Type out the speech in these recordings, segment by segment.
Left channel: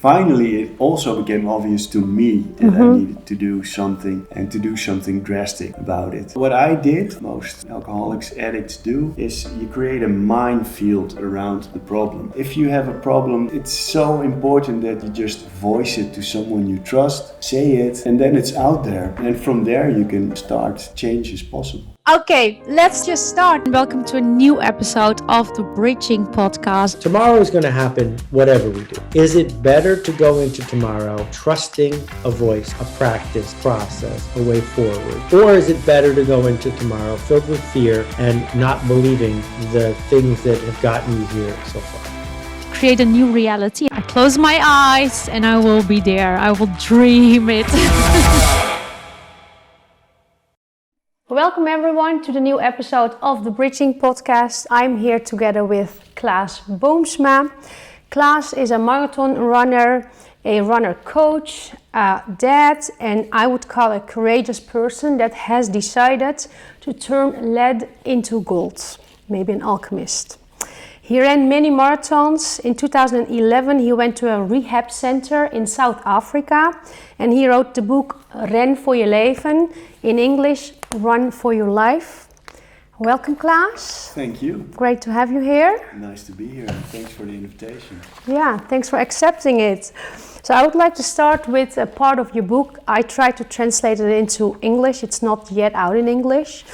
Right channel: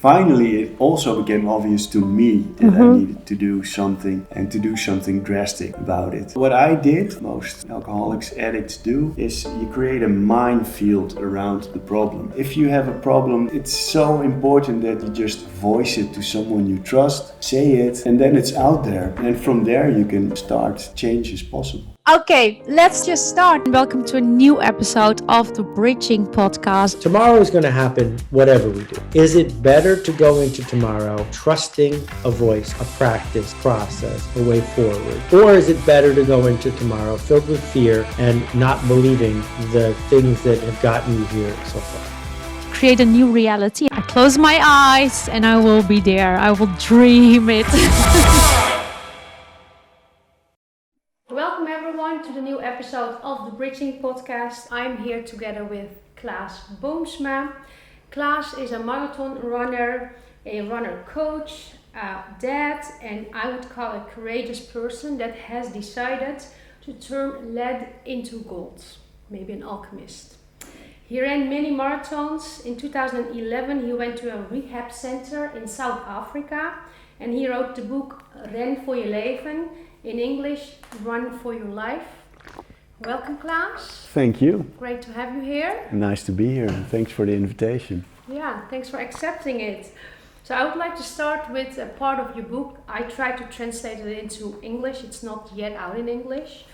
Finally, it also became obvious to me that I needed to do something and to do something drastic about it. What I did, most alcoholics, addicts do, is you create a minefield around the problem. If you have a problem, it's so important that you just voice it to someone you trust, say it, and then it's out there. And from there you can start change is possible. Okay, let's just start. Welcome to a new episode of the Bridging Podcast. Tomorrow is going to happen whatever we do. Is it better to go into tomorrow trusting a voice, a practice, process, a way forward? Or is it better to go into tomorrow filled with fear and not believing the things that have gotten you here so far? Create a new reality. I close my eyes and I will be there. I will dream it. Welcome everyone to the new episode of the Bridging Podcast. I'm here together with Klaas Boomsma. Klaas is a marathon runner, a runner coach, a dad, and I would call a courageous person that has decided to turn lead into gold, maybe an alchemist. He ran many marathons. In 2011 he went to a rehab center in South Africa and he wrote the book Ren voor je leven, in English, Run for Your Life. Welcome, Klaas. Thank you. Great to have you here. Nice to be here. Thanks for the invitation. Yeah, thanks for accepting it. So I would like to start with a part of your book. I tried to translate it into English. It's not yet out in English.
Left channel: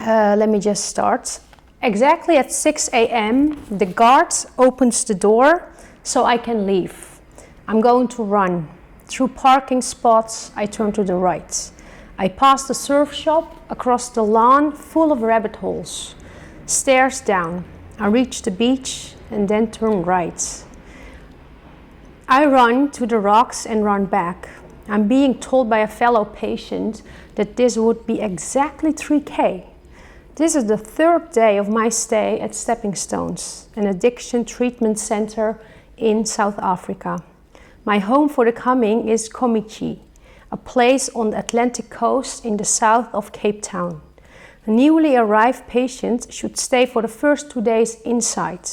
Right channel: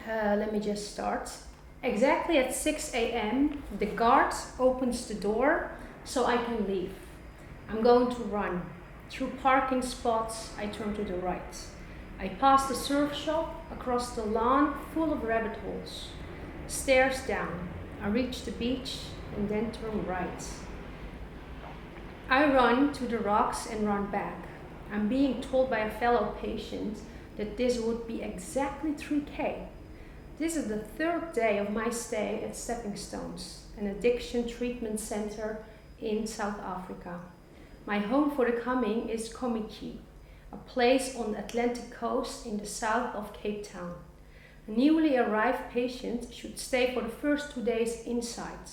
Let me just start. Exactly at 6 a.m., the guard opens the door so I can leave. I'm going to run. Through parking spots, I turn to the right. I pass the surf shop across the lawn full of rabbit holes. Stairs down. I reach the beach and then turn right. I run to the rocks and run back. I'm being told by a fellow patient that this would be exactly 3K. This is the third day of my stay at Stepping Stones, an addiction treatment center in South Africa. My home for the coming is Kommetjie, a place on the Atlantic coast in the south of Cape Town. A newly arrived patient should stay for the first 2 days inside.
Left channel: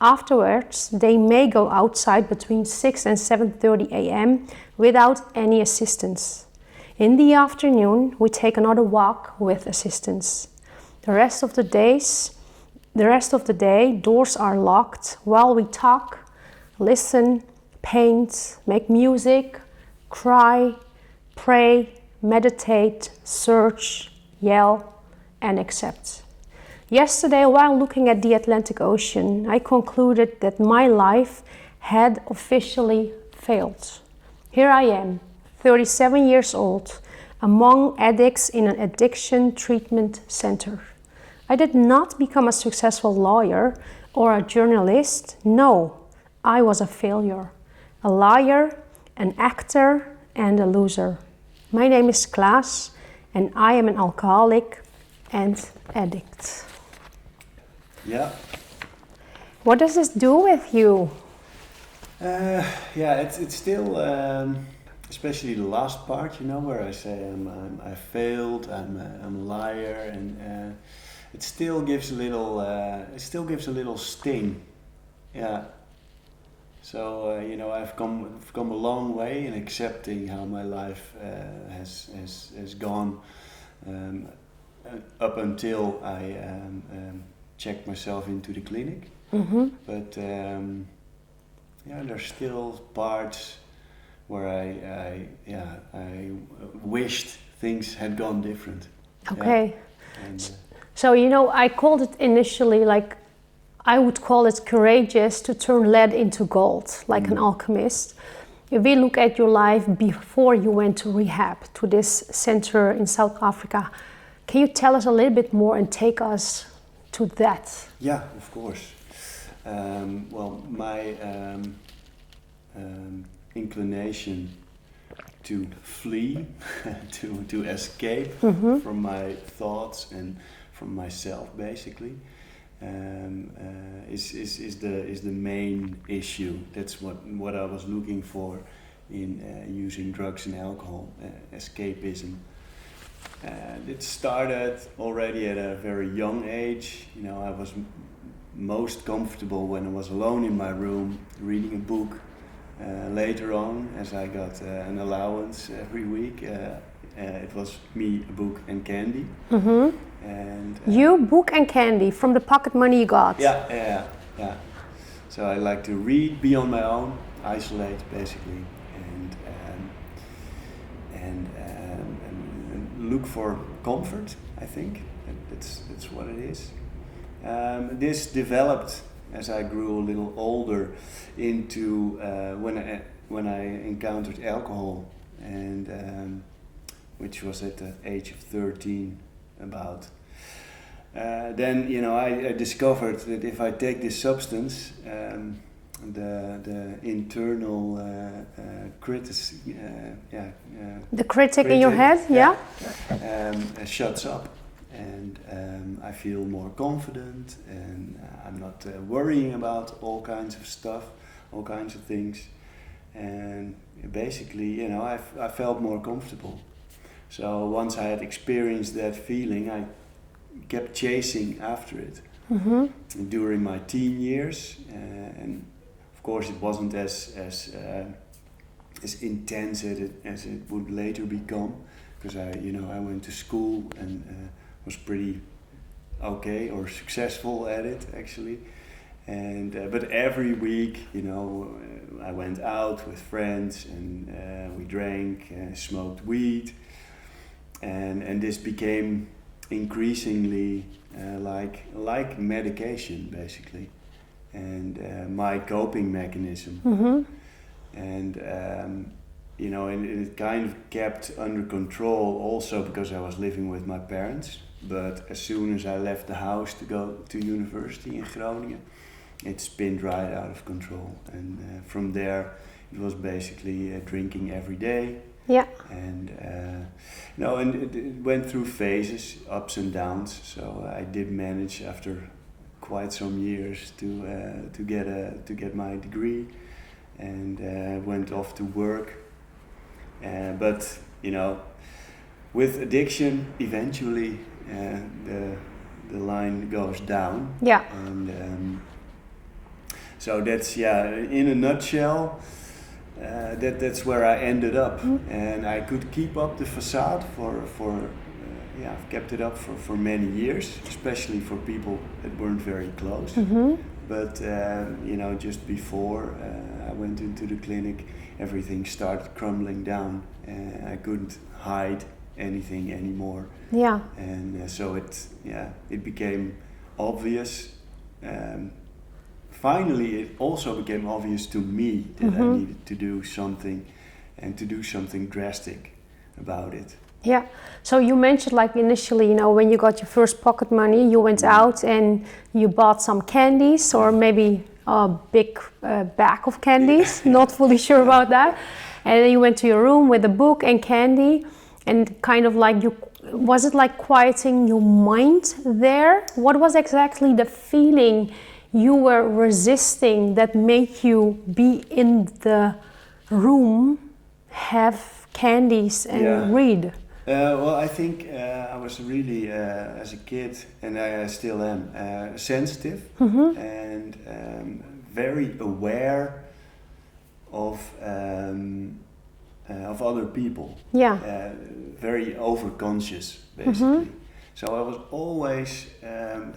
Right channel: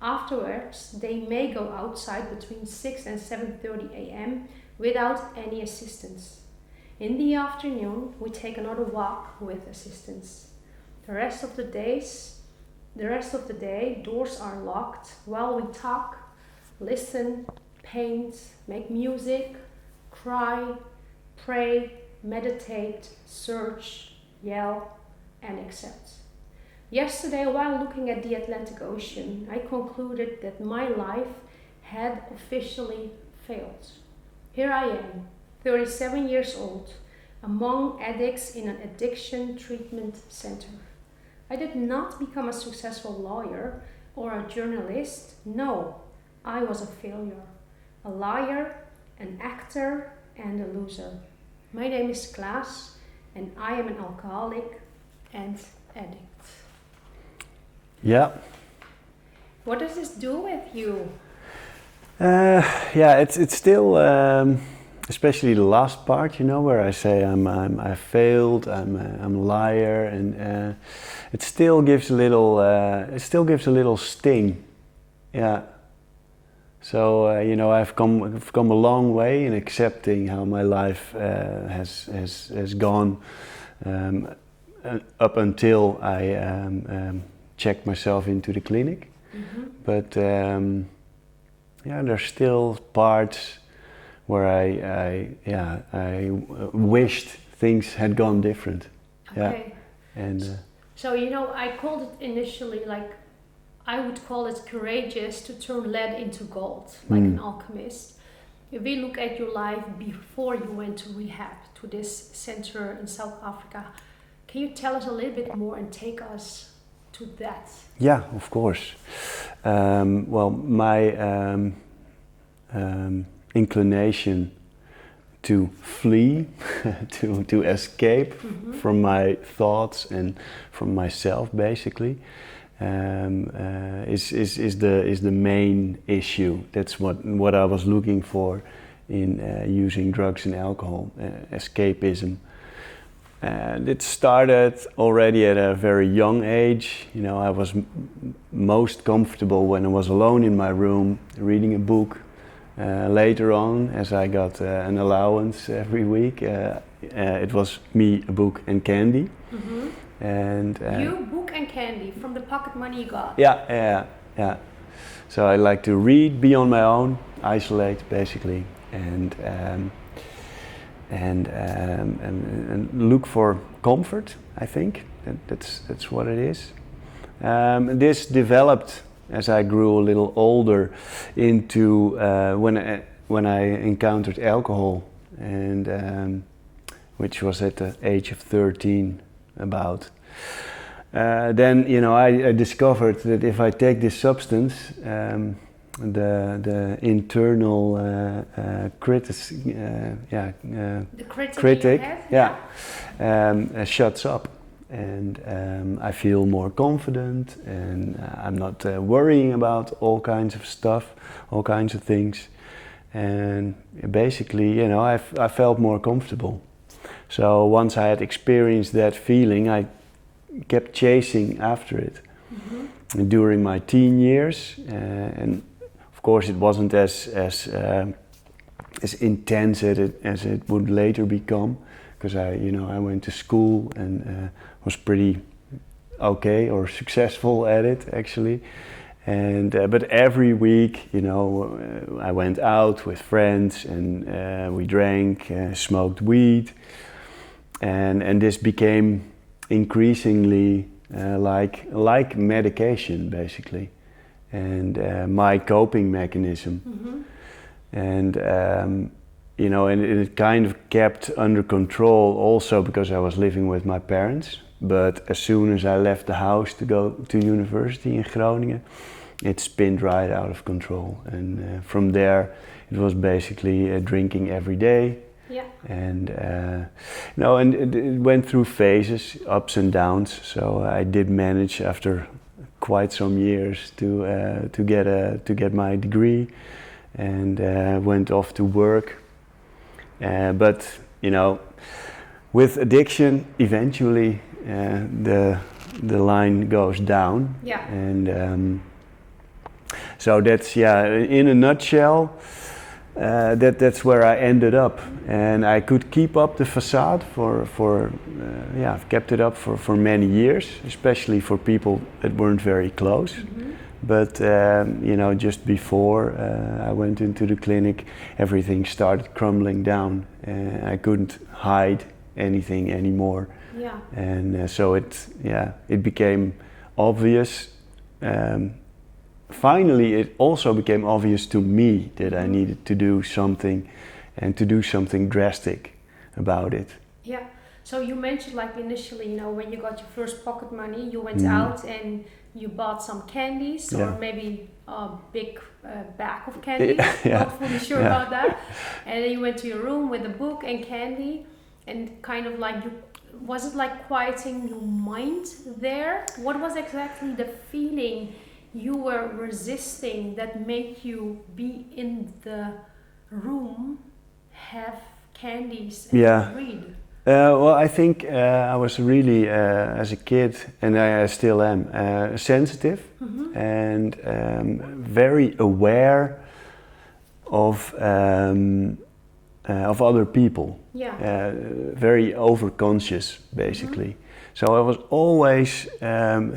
Afterwards, they may go outside between 6 and 7:30 a.m. without any assistance. In the afternoon, we take another walk with assistance. The rest of the day, doors are locked while we talk, listen, paint, make music, cry, pray, meditate, search, yell, and accept. Yesterday, while looking at the Atlantic Ocean, I concluded that my life had officially failed. Here I am, 37 years old, among addicts in an addiction treatment center. I did not become a successful lawyer or a journalist. No, I was a failure, a liar, an actor, and a loser. My name is Klaas, and I am an alcoholic and addict. Yeah. What does this do with you? It's still, especially the last part, where I say I failed, I'm a liar, and it still gives a little sting. Yeah. So I've come a long way in accepting how my life has gone up until I checked myself into the clinic. Mm-hmm. But there's still parts where I wished things had gone different. Okay. Yeah. And so I called it initially I would call it courageous to turn lead into gold, like an alchemist. If we look at your life before you went to rehab, to this center in South Africa, can you tell us a little bit more and take us to that? Yeah, of course. My inclination to flee, to escape from my thoughts and from myself, basically, is the main issue. That's what I was looking for in using drugs and alcohol, escapism. And it started already at a very young age. I was most comfortable when I was alone in my room, reading a book, Later on, as I got an allowance every week, it was me, a book, and candy. And you, book, and candy from the pocket money you got. Yeah. So I like to read, be on my own, isolate basically, and look for comfort. I think that's what it is. This developed as I grew a little older into when I encountered alcohol, and which was at the age of 13 about. Then I discovered that if I take this substance, the internal the critic in your head, shuts up, and I feel more confident, and I'm not worrying about all kinds of stuff, all kinds of things, and basically, I felt more comfortable. So once I had experienced that feeling, I kept chasing after it during my teen years, and of course it wasn't as intense as it would later become, because I went to school and was pretty okay or successful at it actually, and but every week I went out with friends, and we drank, smoked weed, and this became increasingly like medication basically, and my coping mechanism. And and it kind of kept under control also because I was living with my parents. But as soon as I left the house to go to university in Groningen, it spinned right out of control, and from there it was basically drinking every day. Yeah. And and it went through phases, ups and downs. So I did manage after quite some years to get my degree, and went off to work. But with addiction, eventually the line goes down. Yeah. And so that's in a nutshell. That's where I ended up, and I could keep up the facade for I've kept it up for many years, especially for people that weren't very close. But just before I went into the clinic, everything started crumbling down, and I couldn't hide anything anymore. Yeah. And so it became obvious. Finally, it also became obvious to me that I needed to do something, and to do something drastic about it. Yeah. So you mentioned, like, initially, when you got your first pocket money, you went out and you bought some candies, or maybe a big bag of candies. Not fully sure about that. And then you went to your room with a book and candy, and kind of like was it like quieting your mind there? What was exactly the feeling you were resisting that made you be in the room, have candies and read? Well, I think I was really, as a kid, and I still am, sensitive and very aware of other people. Yeah. Very overconscious, basically. So I was always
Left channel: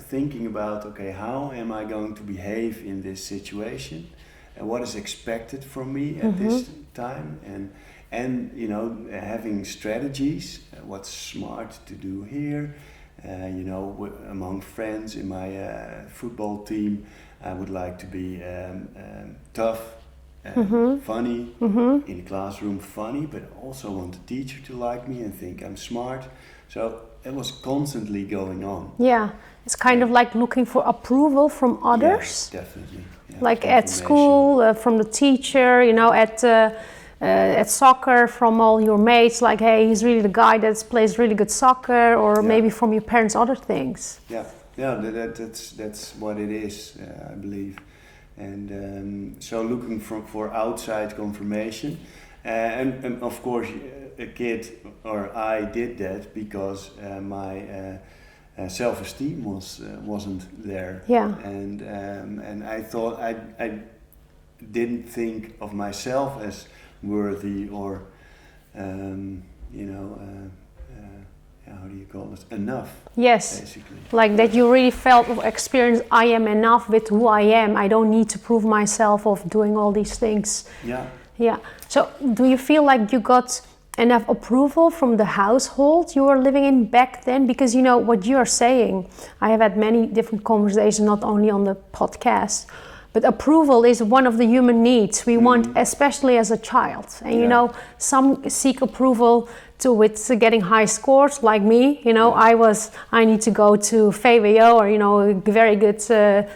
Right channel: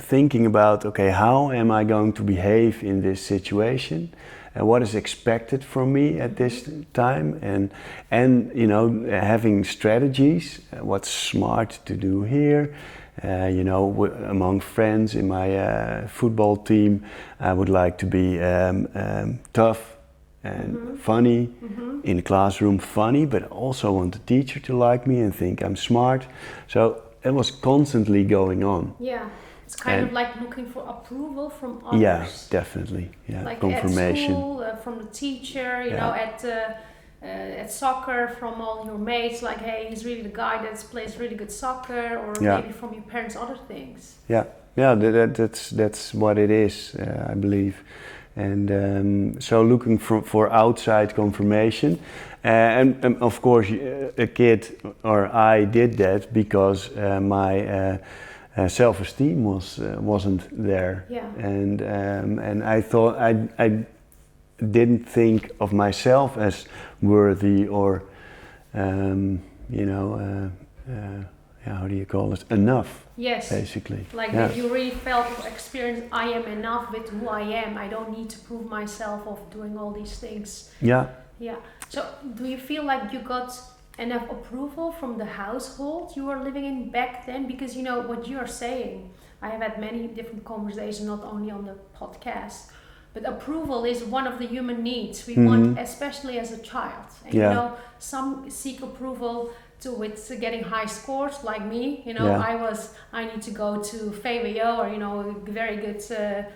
thinking about, okay, how am I going to behave in this situation, and what is expected from me at this time, and having strategies, what's smart to do here. Among friends in my football team, I would like to be tough and funny, in the classroom funny, but I also want the teacher to like me and think I'm smart. So it was constantly going on. Yeah, it's kind of like looking for approval from others. Yes, definitely. Yeah, like at school, from the teacher, at soccer, from all your mates, like, hey, he's really the guy that plays really good soccer, or maybe from your parents, other things. Yeah, that's what it is, I believe. And so looking for outside confirmation. And of course, a kid, or I did that because my self-esteem wasn't there. Yeah. And I thought didn't think of myself as worthy or, how do you call it? Enough. Yes. Basically. That you really felt or experienced, I am enough with who I am. I don't need to prove myself of doing all these things. Yeah. Yeah. So do you feel like you got enough approval from the household you were living in back then? Because what you're saying, I have had many different conversations, not only on the podcast, but approval is one of the human needs we want, especially as a child. And some seek approval with getting high scores, like me. I need to go to VWO or a very good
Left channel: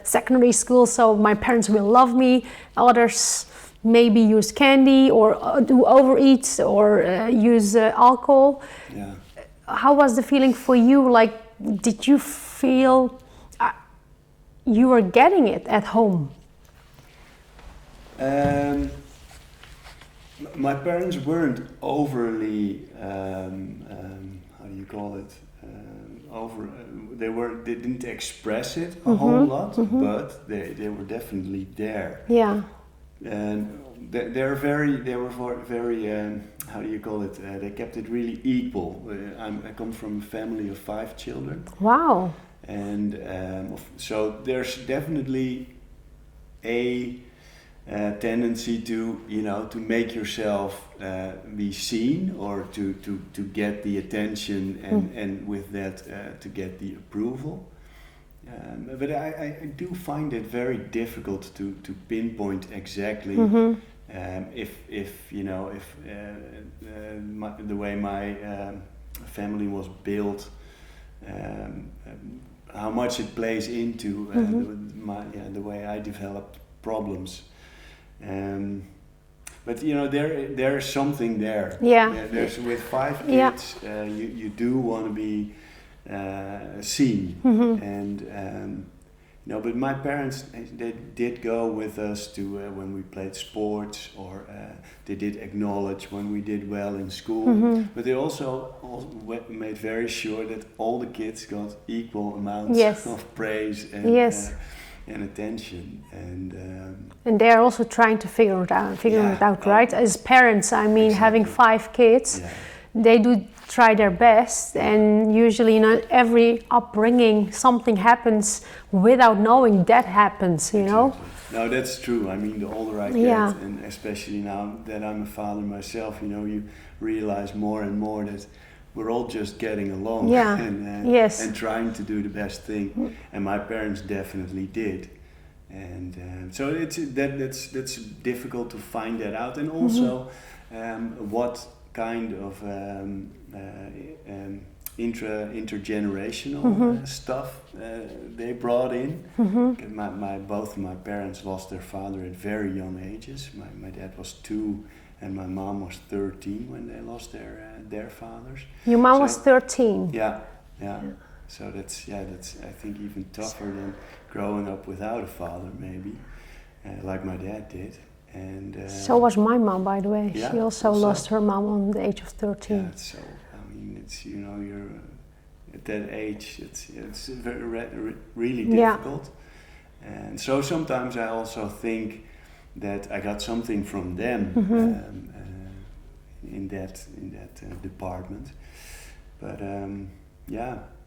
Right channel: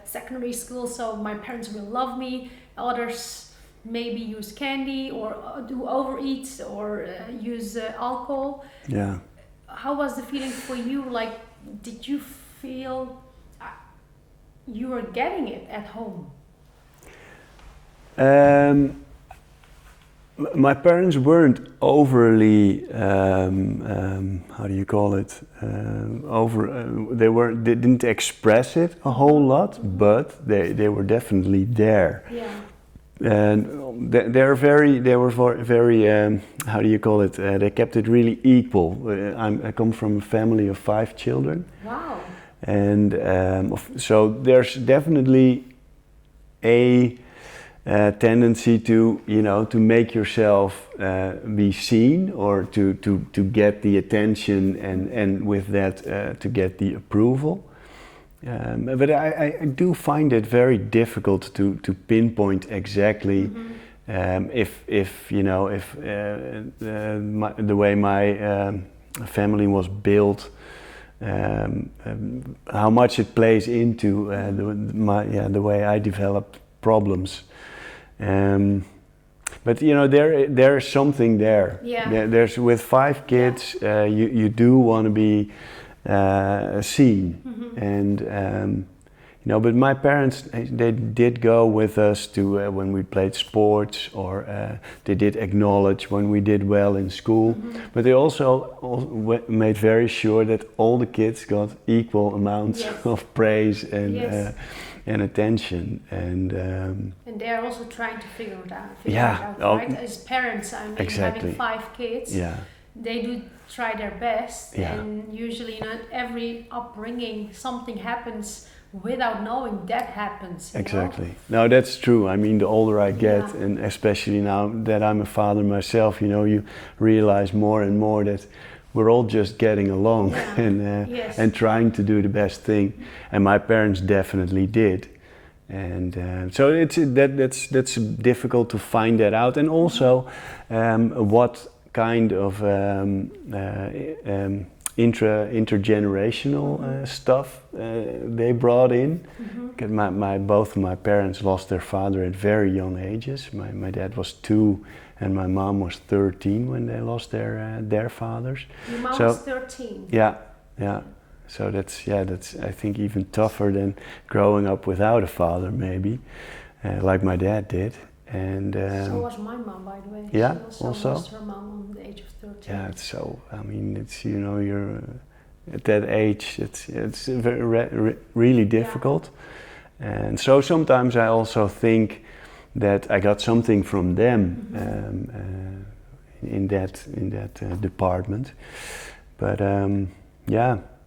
secondary school, so my parents will love me. Others maybe use candy or do overeat or use alcohol. Yeah. How was the feeling for you? Like, did you feel you were getting it at home? My parents weren't overly, how do you call it? They didn't express it a whole lot, but they were definitely there. Yeah. And they were very, how do you call it? They kept it really equal. I come from a family of 5 children. Wow. And so there's definitely a tendency to make yourself be seen, or to get the attention, and with that to get the approval. But I do find it very difficult to pinpoint exactly if the way my family was built, how much it plays into the way I developed problems. But there is something there. Yeah. There's with 5 kids, you do want to be seen, and but my parents, they did go with us to when we played sports, or they did acknowledge when we did well in school. But they also made very sure that all the kids got equal amounts of praise and attention, and they're also trying to figure it out, right? As parents, having 5 kids, they do try their best, and usually every upbringing something happens without knowing that happens. Exactly. No, that's true. The older I get, and especially now that I'm a father myself, you realize more and more that we're all just getting along and trying to do the best thing, and my parents definitely did, and so that's difficult to find that out, and also what kind of intergenerational stuff they brought in. Both of my parents lost their father at very young ages. My dad was 2. And my mom was 13 when they lost their fathers. Your mom was 13? Yeah. So that's I think even tougher than growing up without a father, maybe, like my dad did. And so was my mom, by the way. Yeah, she also lost her mom on the age of 13. Yeah, so it's you're at that age. It's very really difficult, and so sometimes I also think that I got something from them in that department, but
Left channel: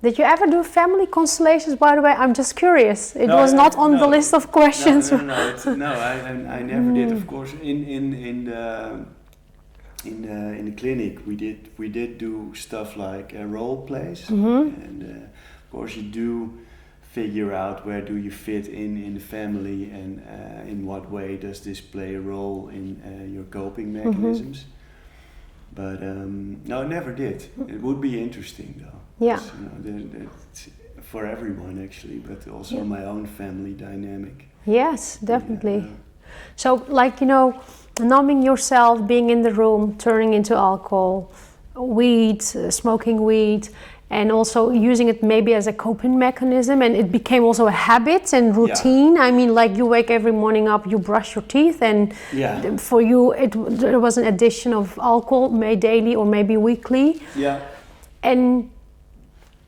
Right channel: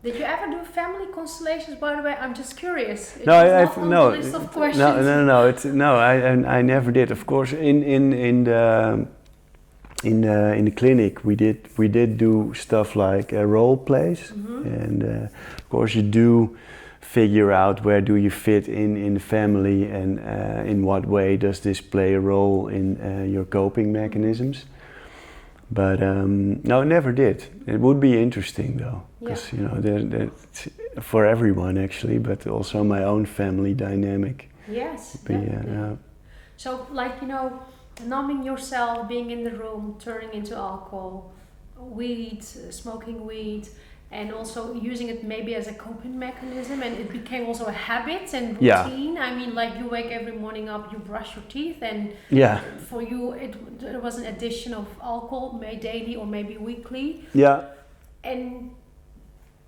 Did you ever do family constellations? By the way, I'm just curious. It was not on the list of questions. No. I never did. Of course, in the clinic we did do stuff like role plays, and of course you do figure out where do you fit in the family, and in what way does this play a role in your coping mechanisms. But no, I never did. It would be interesting though. Yeah. That's for everyone actually, but also my own family dynamic. Yes, definitely. So numbing yourself, being in the room, turning into alcohol, weed, smoking weed, and also using it maybe as a coping mechanism, and it became also a habit and routine. You wake every morning up, you brush your teeth, and for you there was an addition of alcohol, maybe daily or maybe weekly. Yeah. And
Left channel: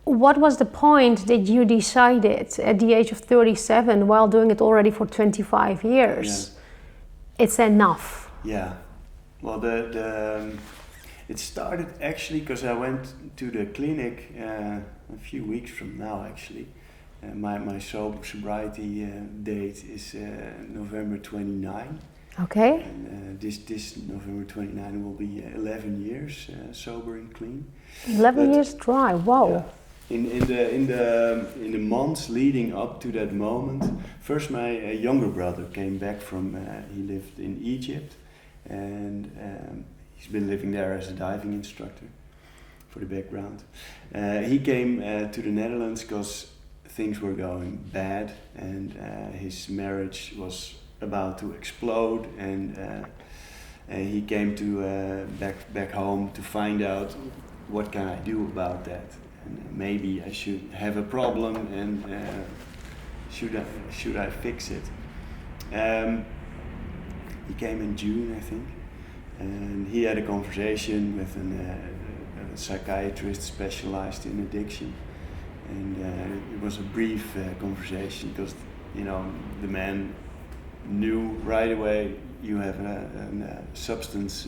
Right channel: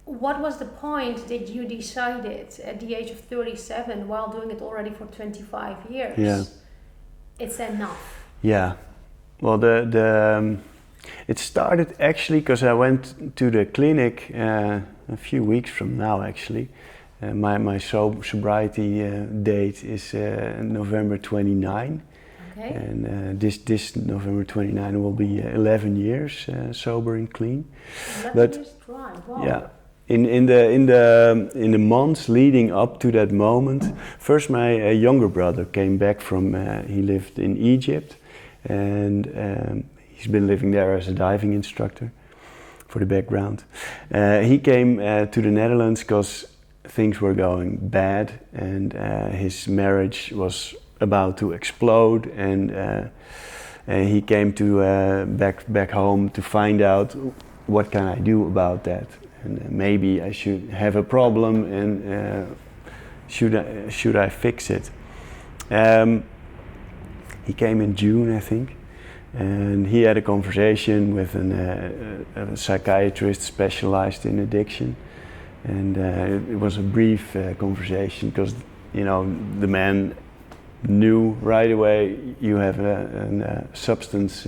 what was the point that you decided at the age of 37, while doing it already for 25 years, it's enough. Yeah. Well, it started actually because I went to the clinic a few weeks from now actually. My sobriety date is November 29. Okay. And this November 29 will be 11 years sober and clean. 11 years dry. Wow. Yeah. In the months leading up to that moment, first my younger brother came back from. He lived in Egypt, and he's been living there as a diving instructor. For the background, he came to the Netherlands because things were going bad, and his marriage was about to explode, and he came to back home to find out what can I do about that, and maybe I should have a problem, and should I fix it? He came in June, I think, and he had a conversation with a psychiatrist specialized in addiction, and it was a brief conversation because the man knew right away you have a substance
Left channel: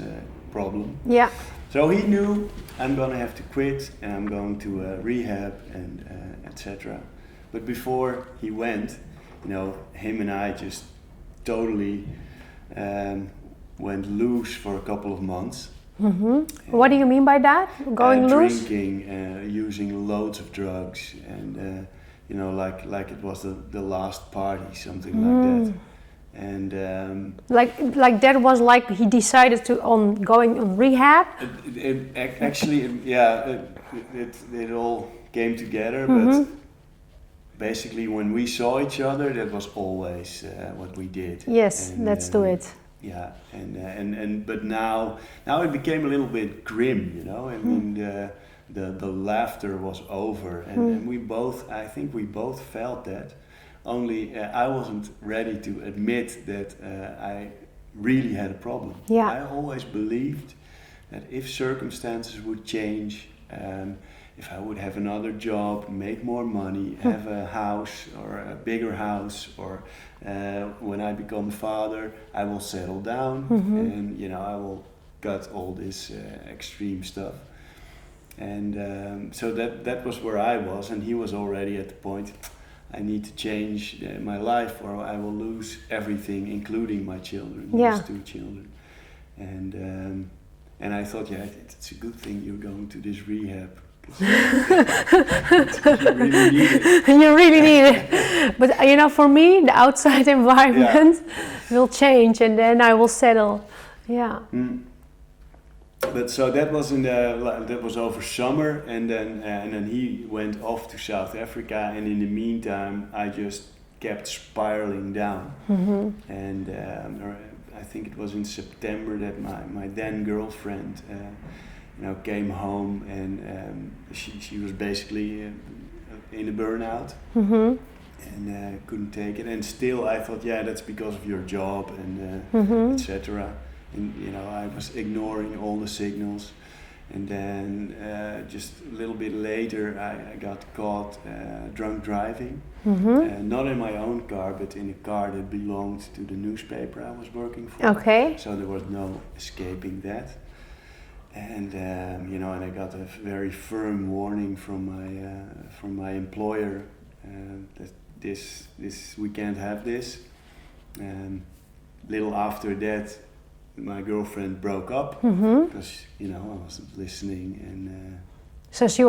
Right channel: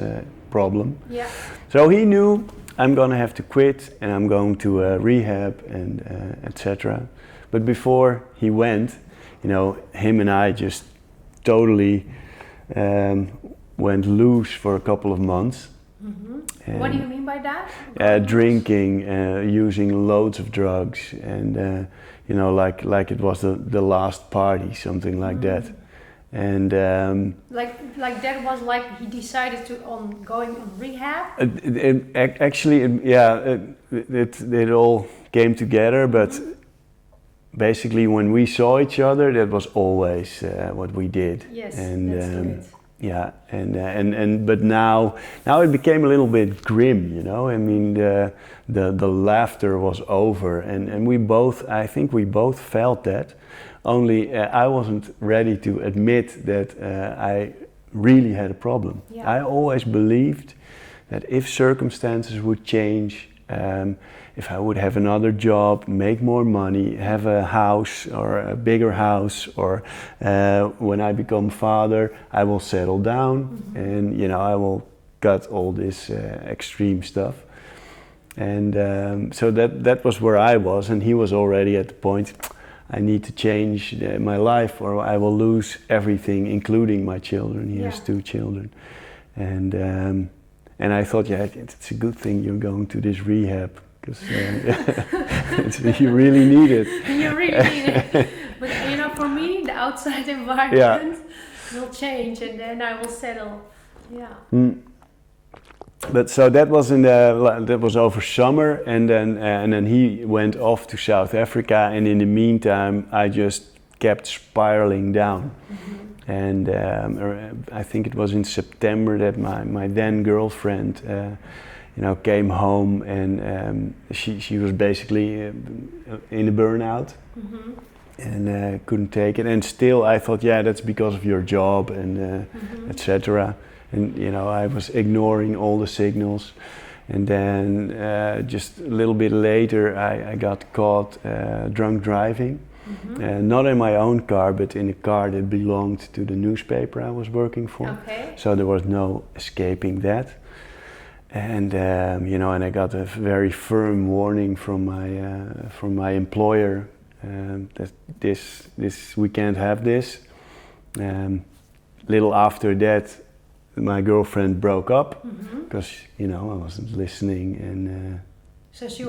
problem. Yeah. So he knew I'm gonna have to quit and I'm going to rehab and etc. But before he went, him and I just totally went loose for a couple of months. Mm-hmm. What do you mean by that? Drinking, using loads of drugs, and like it was the last party, something like that. And like that was like he decided to going on rehab. It all came together, but basically when we saw each other, that was always what we did. Yes, let's do it. Yeah, but now it became a little bit grim, I mean, the laughter was over, and I think we both felt that. Only I wasn't ready to admit that I really had a problem. Yeah. I always believed that if circumstances would change, if I would have another job, make more money, have a house or a bigger house, or when I become father, I will settle down and I will cut all this extreme stuff. And so that was where I was, and he was already at the point, I need to change my life or I will lose everything, including my children. He has 2 children. And I thought, it's a good thing you're going to this rehab. You really need it. You really need it. But for me, the outside environment will change, and then I will settle. Yeah. But so that was over summer, and then he went off to South Africa, and in the meantime, I just kept spiraling down. And I think it was in September that my then girlfriend. Came home, and she was basically in a burnout and couldn't take it. And still, I thought, that's because of your job and etc. And I was ignoring all the signals. And then just a little bit later, I got caught drunk driving, not in my own car, but in a car that belonged to the newspaper I was working for. Okay. So there was no escaping that. And and I got a very firm warning from my employer that this we can't have this. Little after that, my girlfriend broke up because I wasn't listening, and so she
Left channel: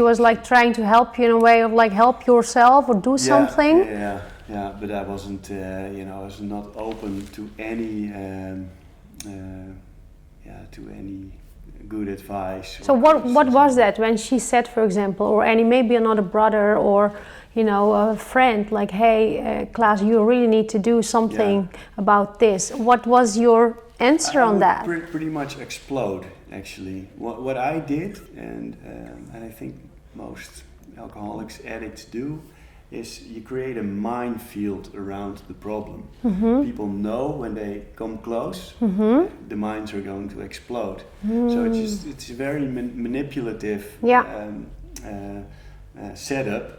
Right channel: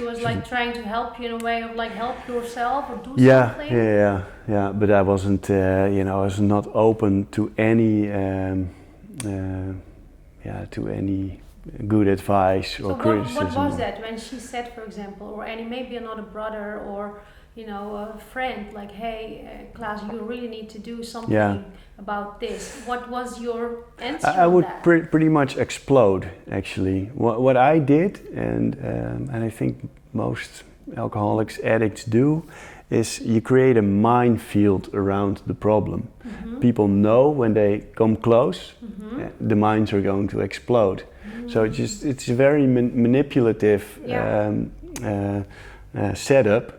was like trying to help you in a way of like help yourself or do something. Yeah. But I wasn't I was not open to any good advice. So what was that when she said, for example, or maybe another brother or a friend, like, hey, Klaas, you really need to do something about this. What was your answer on that? I would pretty much explode, actually. What I did, and I think most alcoholics, addicts do, is you create a minefield around the problem. People know when they come close, the mines are going to explode. So it's a very manipulative setup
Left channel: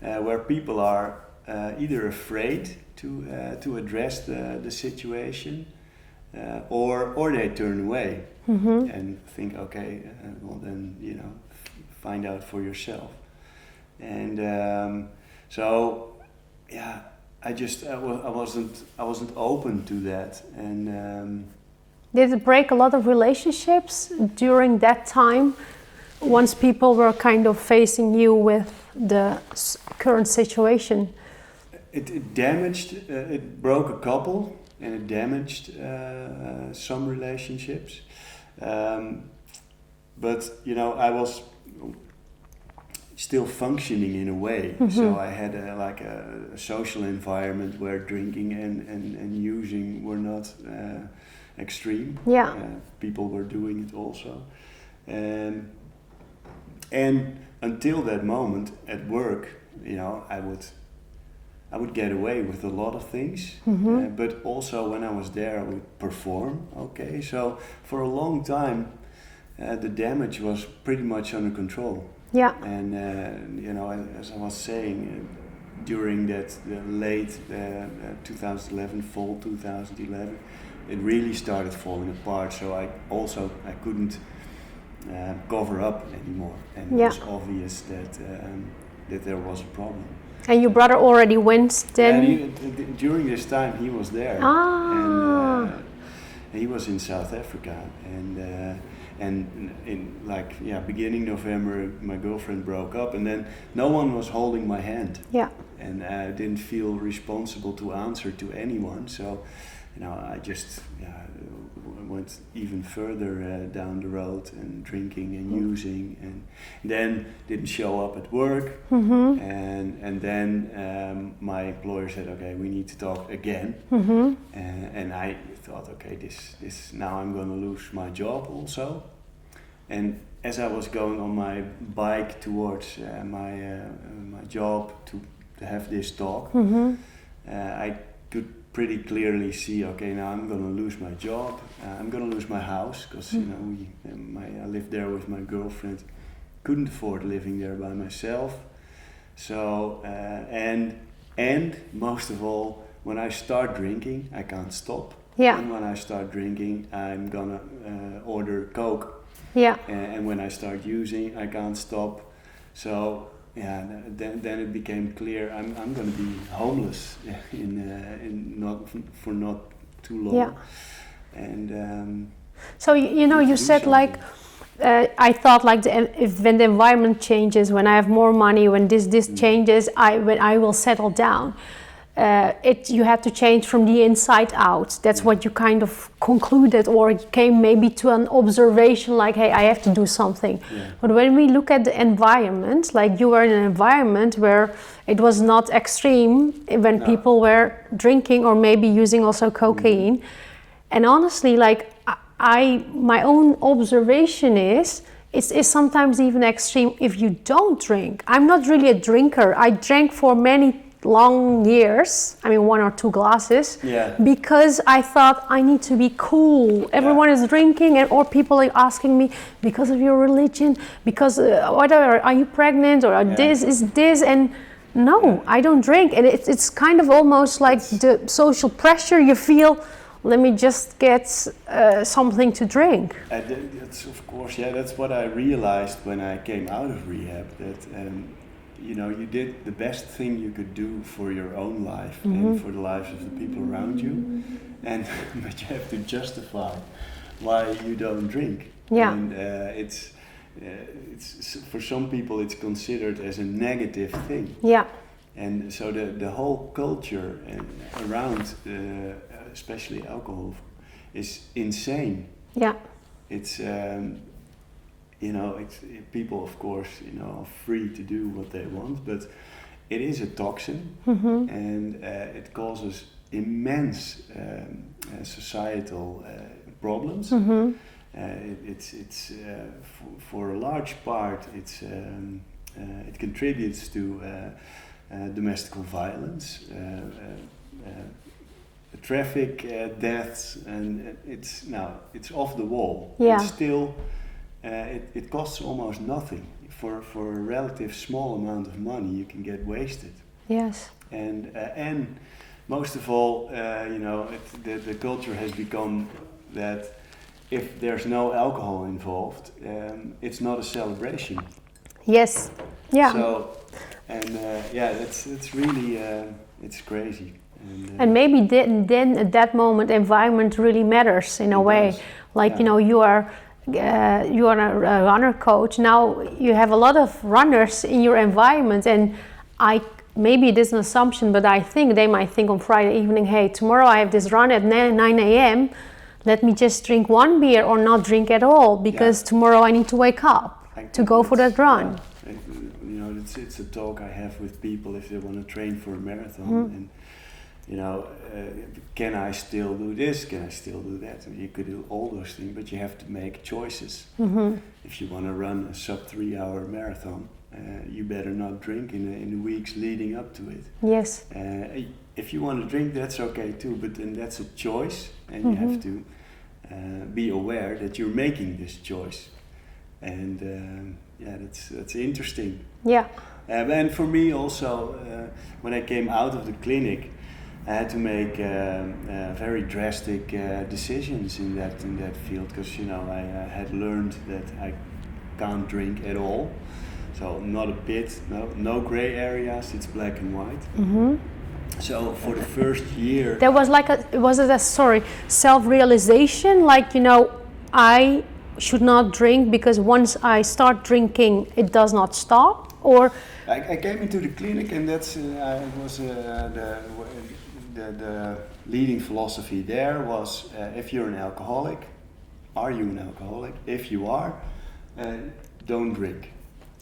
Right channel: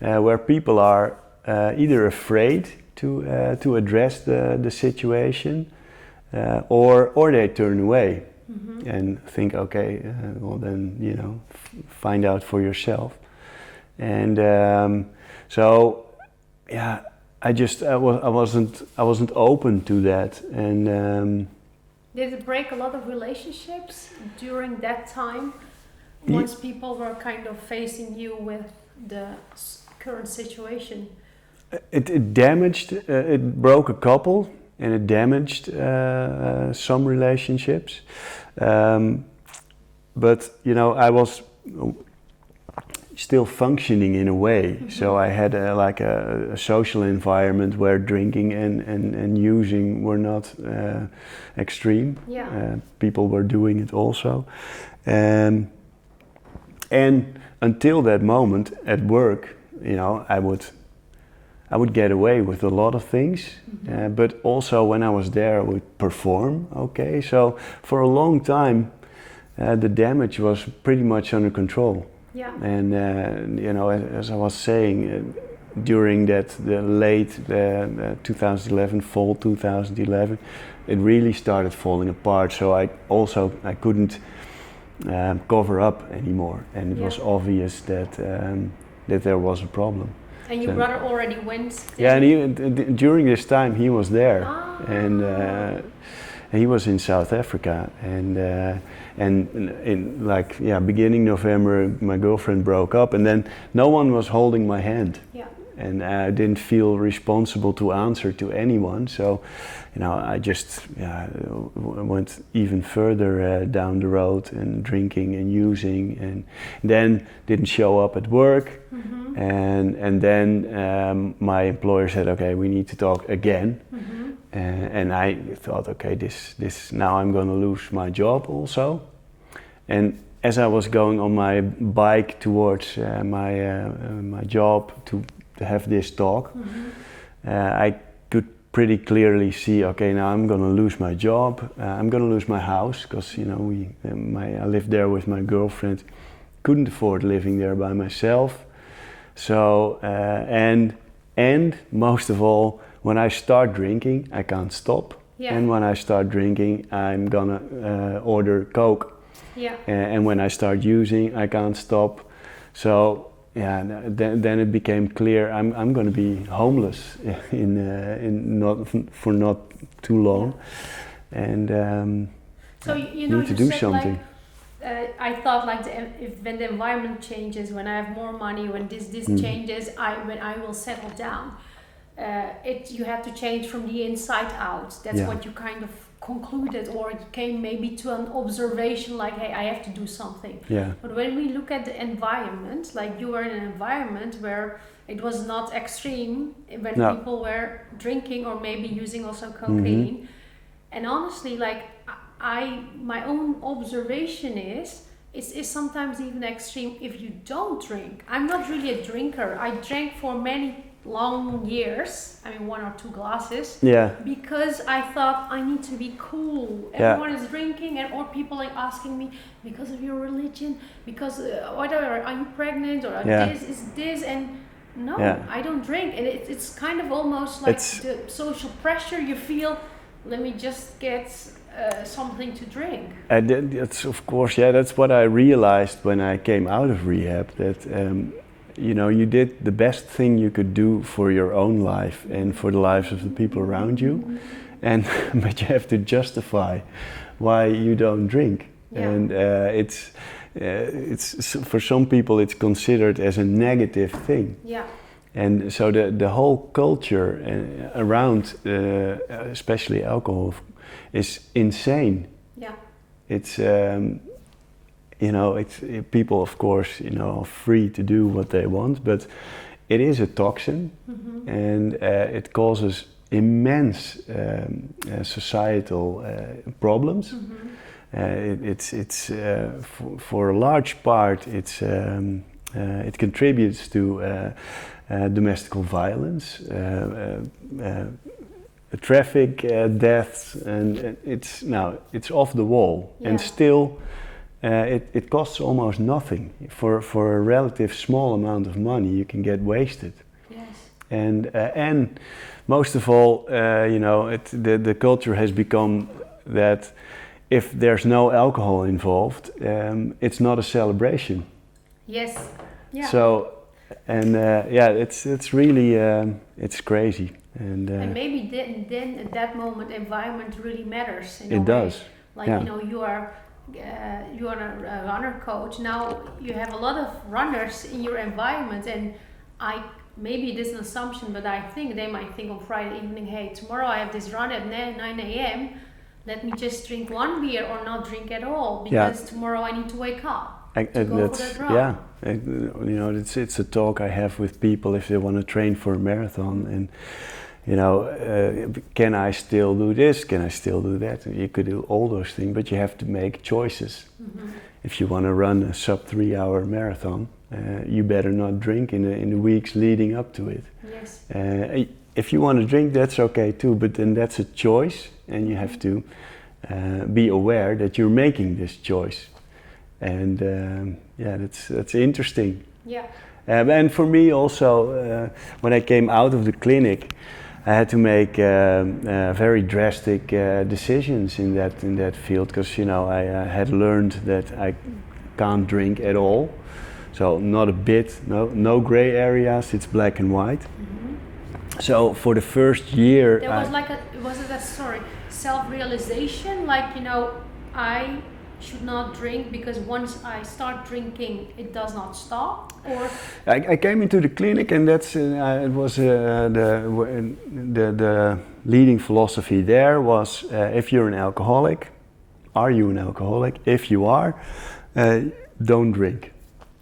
where people are either afraid to address the situation, or they turn away and think, okay, well then, you know, find out for yourself. And so, yeah, I wasn't open to that. And did it break a lot of relationships during that time? Once people were kind of facing you with the current situation? It damaged, it broke a couple, and it damaged some relationships. But, you know, I was still functioning in a way. So I had a social environment where drinking and using were not extreme. Yeah. People were doing it also. And until that moment at work, you know, I would get away with a lot of things, but also when I was there, I would perform. Okay, so for a long time, the damage was pretty much under control. Yeah. And you know, as I was saying, during the late 2011, fall 2011, it really started falling apart. So I couldn't cover up anymore, and it was obvious that there was a problem. And your brother already went then? Yeah, and during this time he was there, and he was in South Africa, and in beginning November my girlfriend broke up, and then no one was holding my hand. Yeah. And I didn't feel responsible to answer to anyone, so you know, I just went even further down the road and drinking and using, and then didn't show up at work. And then my employer said, okay, we need to talk again. And I thought, okay, this now I'm going to lose my job also. And as I was going on my bike towards my job to have this talk, I could pretty clearly see, okay, now I'm gonna lose my job, I'm gonna lose my house, because you know I lived there with my girlfriend, couldn't afford living there by myself. So and most of all, when I start drinking, I can't stop. Yeah. And when I start drinking, I'm gonna order Coke. Yeah. And when I start using, I can't stop. So. Yeah, then it became clear I'm going to be homeless for not too long, and so you know you said something. I thought like when the environment changes, when I have more money, when this changes, when I will settle down. You had to change from the inside out. That's what you kind of concluded, or came maybe to an observation like, hey, I have to do something. Yeah. But when we look at the environment, like you were in an environment where it was not extreme when people were drinking or maybe using also cocaine. And honestly, like my own observation is, it's sometimes even extreme if you don't drink. I'm not really a drinker. I drank for many long years, I mean 1 or 2 glasses, because I thought I need to be cool. Everyone is drinking, or people are asking me because of your religion, because whatever, are you pregnant, or this is this, and no, I don't drink. And it's kind of almost like the social pressure you feel. Let me just get something to drink. And that's of course, that's what I realized when I came out of rehab, that you know, you did the best thing you could do for your own life and for the lives of the people around you, but you have to justify why you don't drink. Yeah. And it's for some people it's considered as a negative thing. Yeah. And so the whole culture around, especially alcohol, is insane. Yeah. It's you know, people, of course, you know, are free to do what they want, but it is a toxin, and it causes immense societal problems. It's for a large part, it contributes to domestic violence, traffic deaths, and it's off the wall, and still. It costs almost nothing. For a relative small amount of money, you can get wasted. Yes. And most of all, you know, the culture has become that if there's no alcohol involved, it's not a celebration. Yes. Yeah. So, and it's really it's crazy. And maybe then at that moment, environment really matters in a way. Does. Like you are a runner coach. Now you have a lot of runners in your environment, and maybe it is an assumption, but I think they might think on Friday evening, hey, tomorrow I have this run at 9 a.m. Let me just drink one beer or not drink at all, because tomorrow I need to wake up to go for that run. Yeah, it's a talk I have with people if they want to train for a marathon, and can I still do this? Can I still do that? You could do all those things, but you have to make choices. If you want to run a sub 3 hour marathon, you better not drink in the weeks leading up to it. Yes. If you want to drink, that's okay too, but then that's a choice, and you have to be aware that you're making this choice. And that's interesting. Yeah. And for me also, when I came out of the clinic, I had to make very drastic decisions in that field, because I had learned that I can't drink at all. So not a bit, no gray areas. It's black and white. So for the first year, there was self-realization, like I should not drink because once I start drinking, it does not stop. Or I came into the clinic, and that's it was the leading philosophy there was if you're an alcoholic, are you an alcoholic? If you are, don't drink.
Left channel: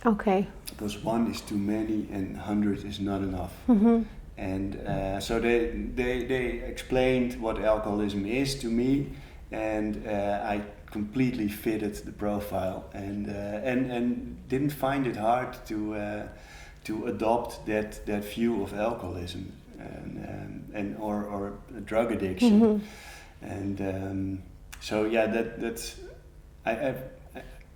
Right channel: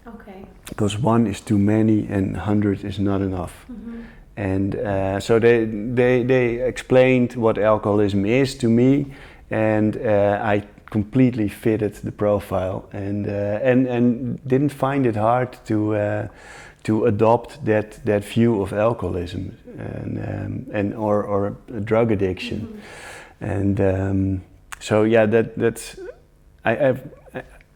Okay. Because 1 is too many and 100 is not enough. And so they explained what alcoholism is to me, and I completely fitted the profile, and didn't find it hard to adopt that view of alcoholism and or drug addiction. And so that's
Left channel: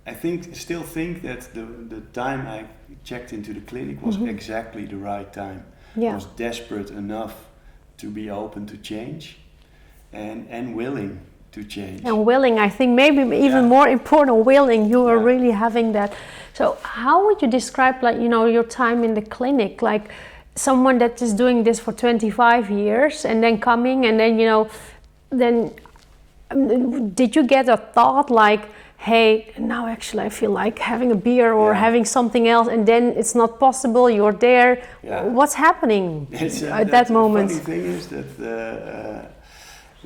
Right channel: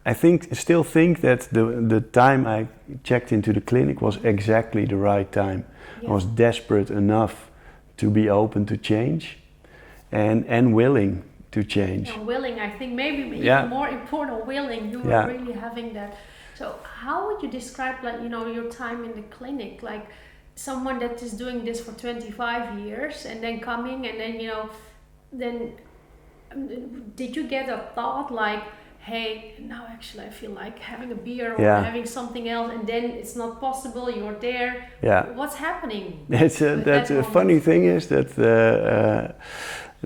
I still think that the time I checked into the clinic was exactly the right time. I was desperate enough to be open to change and willing to change. And willing, I think maybe even more important, willing. You were really having that. So how would you describe your time in the clinic? Like someone that is doing this for 25 years and then coming and then, then did you get a thought like, hey, now actually I feel like having a beer or having something else, and then it's not possible, you're there. What's happening at that moment? The funny thing is that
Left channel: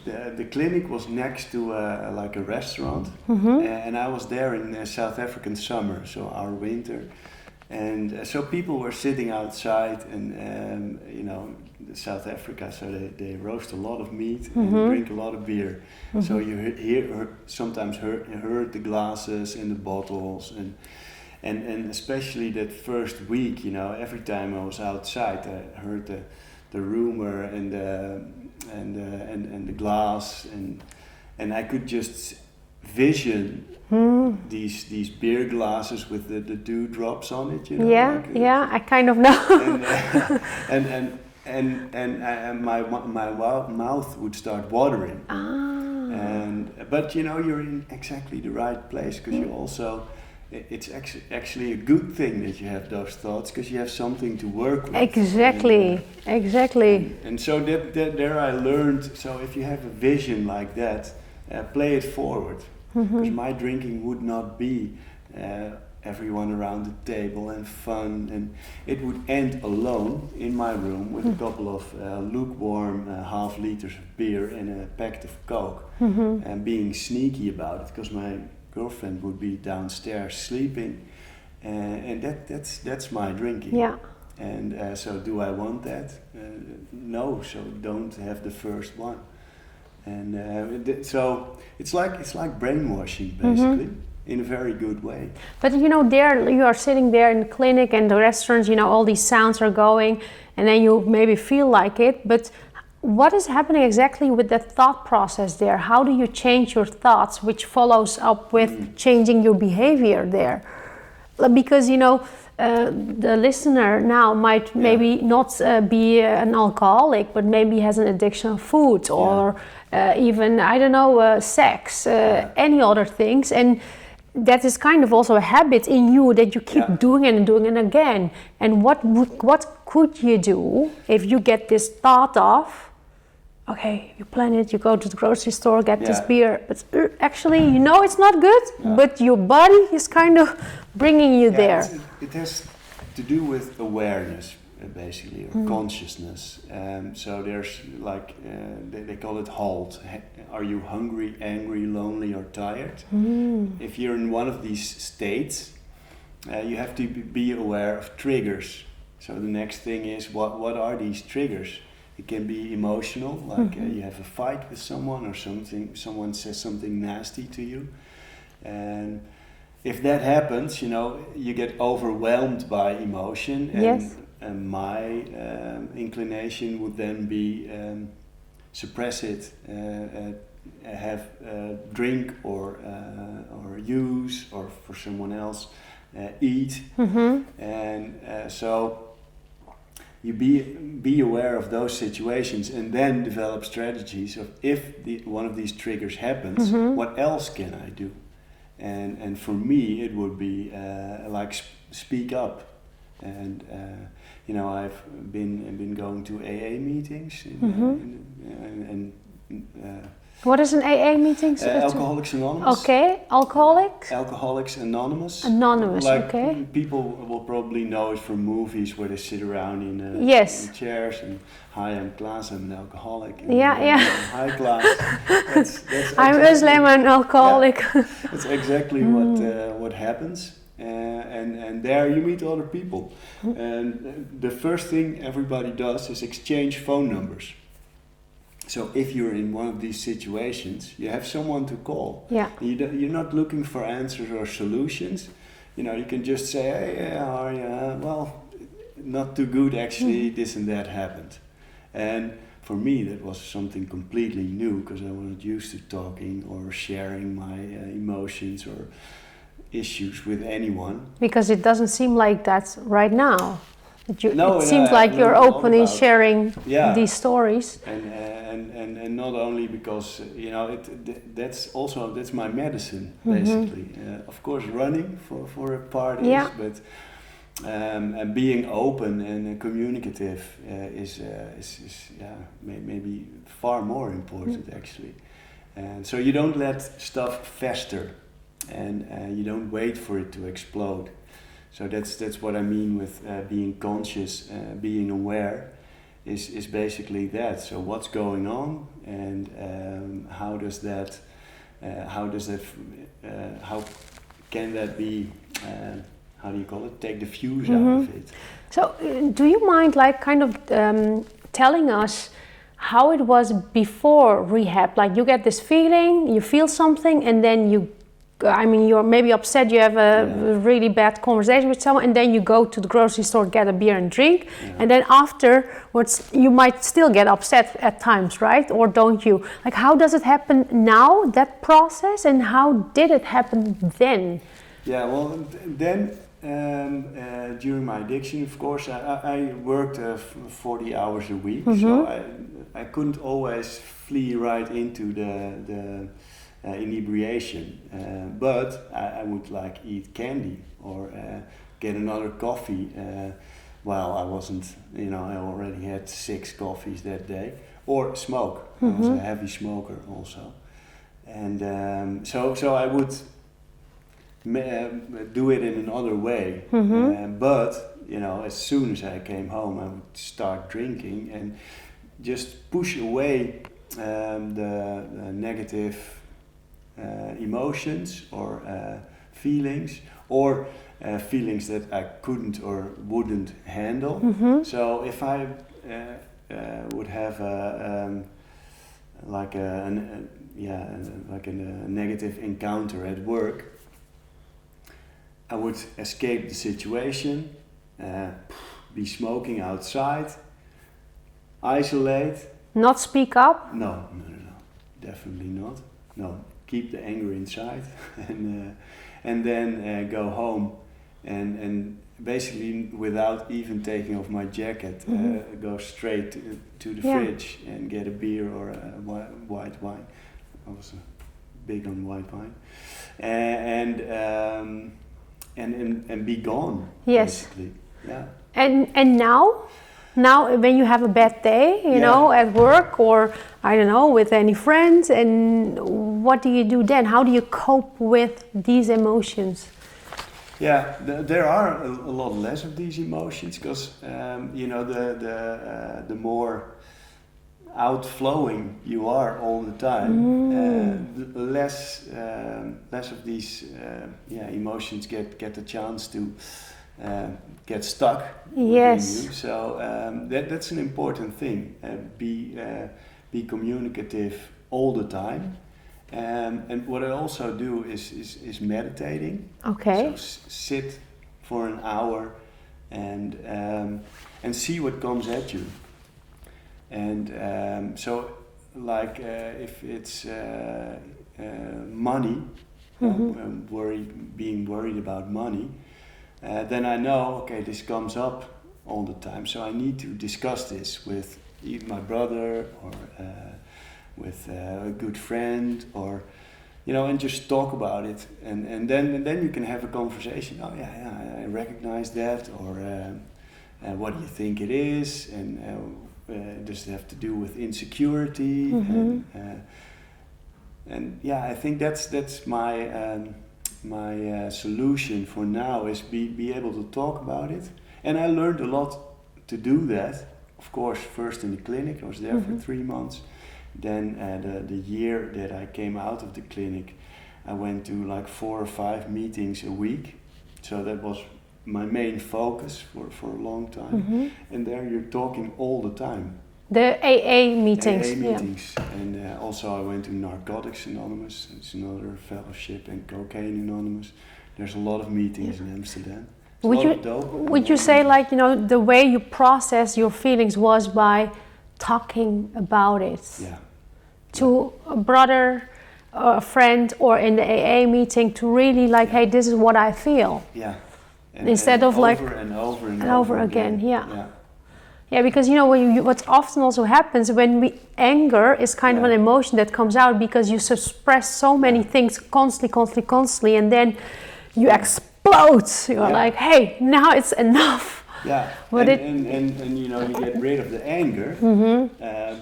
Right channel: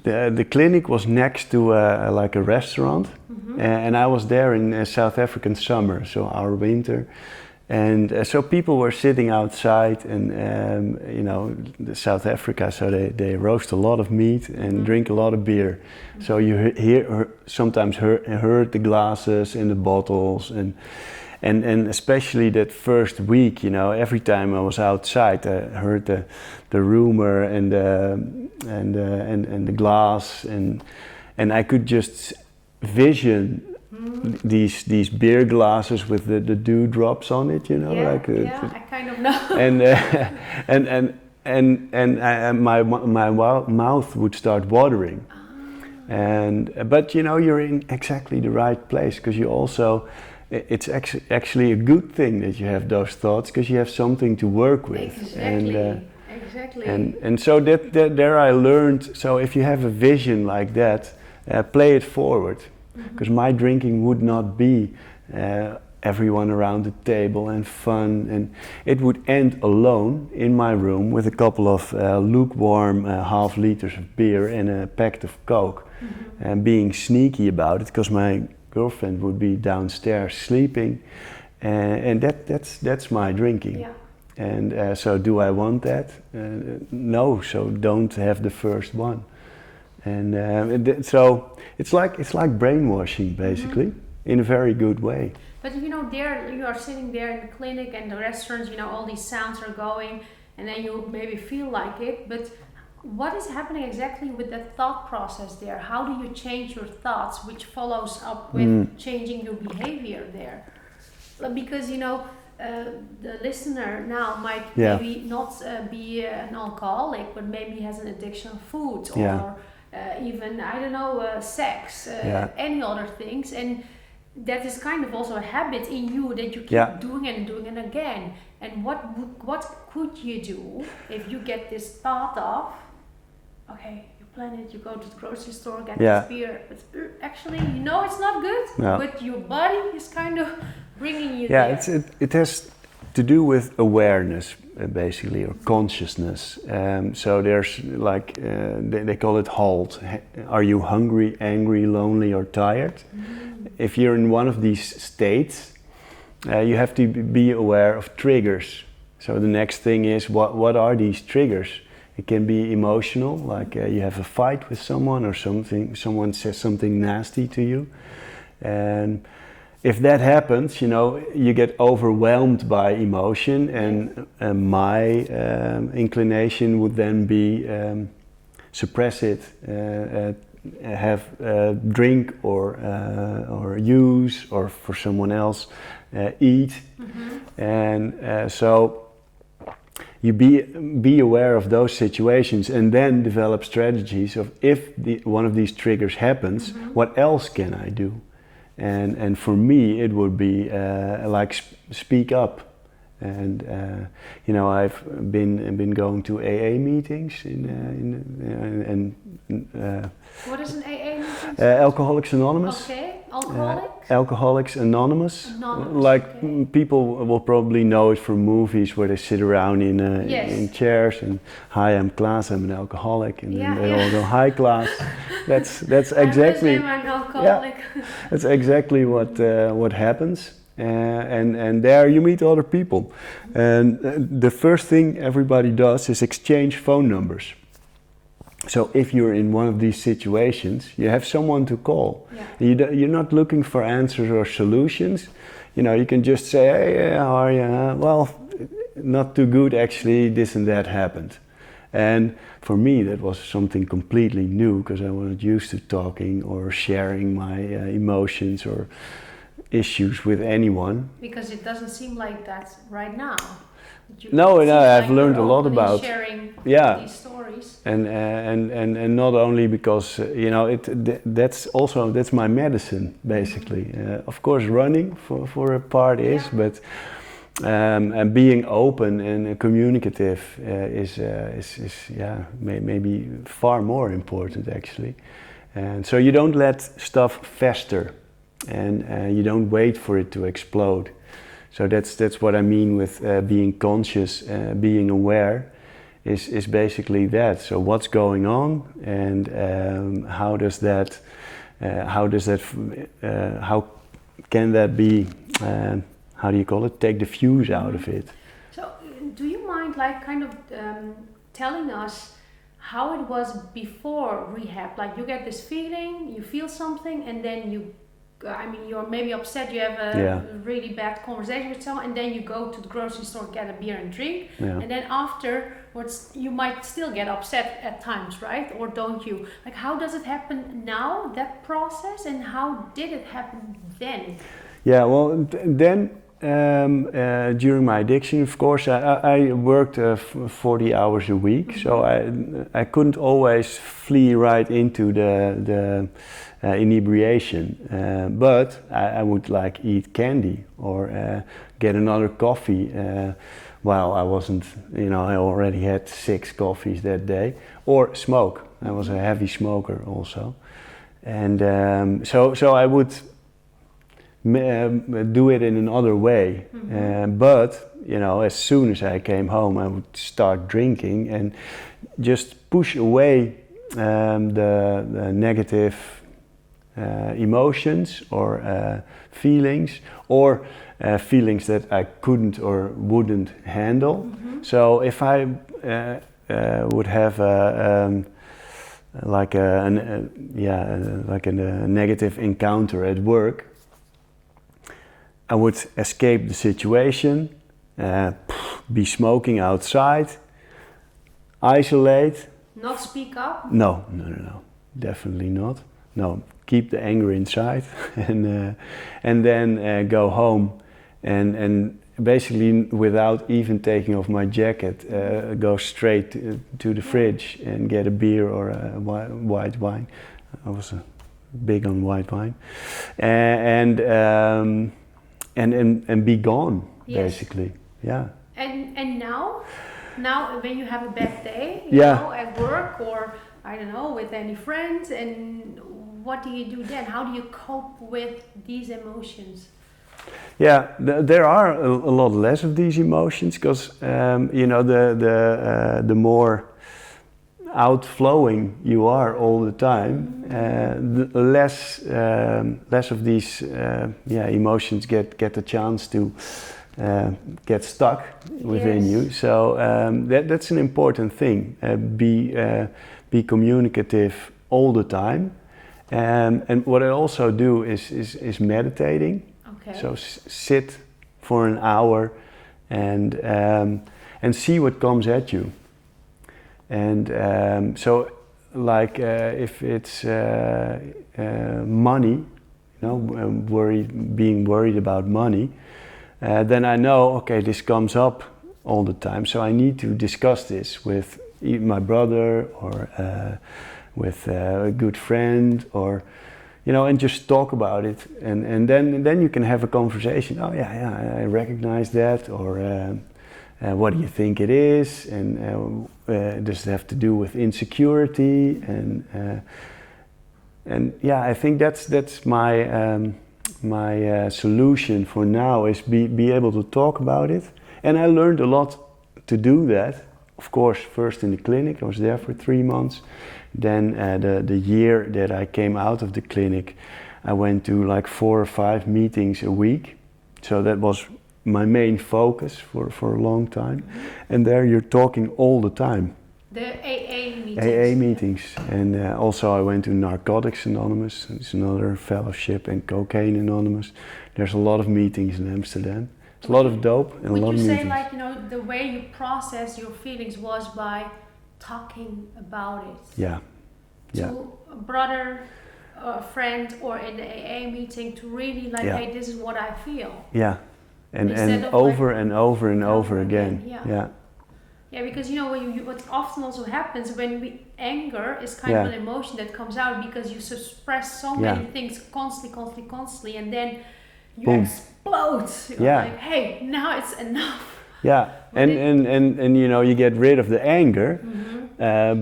the clinic was next to like a restaurant, and I was there in South African summer, so our winter. And so people were sitting outside, and South Africa, so they roast a lot of meat and drink a lot of beer. So you sometimes heard the glasses and the bottles, and especially that first week, every time I was outside, I heard the rumor and the glass, and I could just vision. These beer glasses with the dewdrops on it, I kind of know. and my mouth would start watering. But you're in exactly the right place, because you also, it's actually a good thing that you have those thoughts, because you have something to work with. Exactly. And so that there I learned. So if you have a vision like that, play it forward. Because my drinking would not be everyone around the table and fun, and it would end alone in my room with a couple of lukewarm half liters of beer and a pack of Coke, and being sneaky about it, because my girlfriend would be downstairs sleeping, and that's my drinking. And so do I want that? No, so don't have the first one. And so it's like brainwashing, basically, in a very good way. But there you are sitting there in the clinic and the restaurants, all these sounds are going, and then you maybe feel like it. But what is happening exactly with that thought process there? How do you change your thoughts, which follows up with changing your behavior there? Because the listener now might maybe not be an alcoholic, but maybe has an addiction of food or even, I don't know, sex, any other things. And that is kind of also a habit in you that you keep doing it and doing it again. And what could you do if you get this thought of, okay, you plan it, you go to the grocery store, get this beer, but actually you know it's not good, but your body is kind of bringing you there. It has to do with awareness, basically, or consciousness. So there's like, they call it HALT. Are you hungry, angry, lonely, or tired? If you're in one of these states, you have to be aware of triggers. So the next thing is, what are these triggers? It can be emotional, like you have a fight with someone or someone says something nasty to you. And if that happens, you know, you get overwhelmed by emotion, and my inclination would then be suppress it, have drink or use, or for someone else eat, and so you be aware of those situations, and then develop strategies of if one of these triggers happens, what else can I do? And for me, it would be like speak up. And you know, I've been going to AA meetings what is an AA meeting? Alcoholics Anonymous. Okay, alcoholics? Alcoholics Anonymous. Anonymous, like, okay. People will probably know it from movies where they sit around in chairs and, hi, I'm Klaas, I'm an alcoholic. And go, hi, Klaas. That's exactly. I'm Özlem, I'm an alcoholic. Yeah, that's exactly what happens. And there you meet other people. And the first thing everybody does is exchange phone numbers. So if you're in one of these situations, you have someone to call. Yeah. You're not looking for answers or solutions. You know, you can just say, hey, how are you? Well, not too good actually, this and that happened. And for me, that was something completely new, because I wasn't used to talking or sharing my emotions or issues with anyone. Because it doesn't seem like that right now. It seems like you're openly sharing these stories. And not only because you know that's my medicine basically. Of course, running for a part is, but and being open and communicative is maybe far more important actually. And so you don't let stuff fester, and you don't wait for it to explode. So that's what I mean with being conscious, being aware, is basically that. So what's going on, and how can that be? How do you call it? Take the fuse out of it. So do you mind, like, kind of telling us how it was before rehab? Like, you get this feeling, you feel something, and then you're maybe upset, you have a really bad conversation with someone, and then you go to the grocery store, get a beer and drink, and then afterwards you might still get upset at times, right? Or don't you? Like, how does it happen now, that process, and how did it happen then? Yeah, well, then during my addiction, of course, I worked 40 hours a week, so I couldn't always flee right into the inebriation, but I would like eat candy or get another coffee. Well, I wasn't, you know, I already had 6 coffees that day, or smoke. I was a heavy smoker also, and so I would do it in another way. But you know, as soon as I came home, I would start drinking and just push away the negative emotions or feelings, or feelings that I couldn't or wouldn't handle. So if I would have a negative encounter at work, I would escape the situation, be smoking outside, isolate. Not speak up? No, definitely not. No. Keep the anger inside, and then go home, and basically without even taking off my jacket, go straight to the fridge and get a beer or a white wine. I was big on white wine, and be gone. Yes. Basically, yeah. And now when you have a bad day, you know, at work or I don't know, with any friends, and what do you do then? How do you cope with these emotions? Yeah, there are a lot less of these emotions because you know, the more outflowing you are all the time, the less of these emotions get a chance to get stuck within you. So that's an important thing. Be communicative all the time, and what I also do is meditating. Okay. So sit for an hour and see what comes at you. And so, like if it's money, you know, being worried about money, then I know, okay, this comes up all the time. So I need to discuss this with my brother or with a good friend, or you know, and just talk about it, and then you can have a conversation. Oh yeah, I recognize that, or what do you think it is, and does it have to do with insecurity, and yeah, I think that's my my solution for now is be able to talk about it, and I learned a lot to do that. Of course, first in the clinic, I was there for 3 months. Then the year that I came out of the clinic, I went to like 4 or 5 meetings a week. So that was my main focus for a long time. And there you're talking all the time. The AA meetings. AA meetings. Yeah. And also I went to Narcotics Anonymous. It's another fellowship, and Cocaine Anonymous. There's a lot of meetings in Amsterdam. It's a lot of dope. Would you say like, you know, the way you process your feelings was by talking about it? Yeah. To a brother, a friend, or in the AA meeting, to really like, hey, this is what I feel. Yeah. And instead of over like and over again. Yeah. Yeah, because you know what often also happens when anger is kind of an emotion that comes out because you suppress so many things constantly, and then you explode. You're like, hey, now it's enough. Yeah, and you know, you get rid of the anger,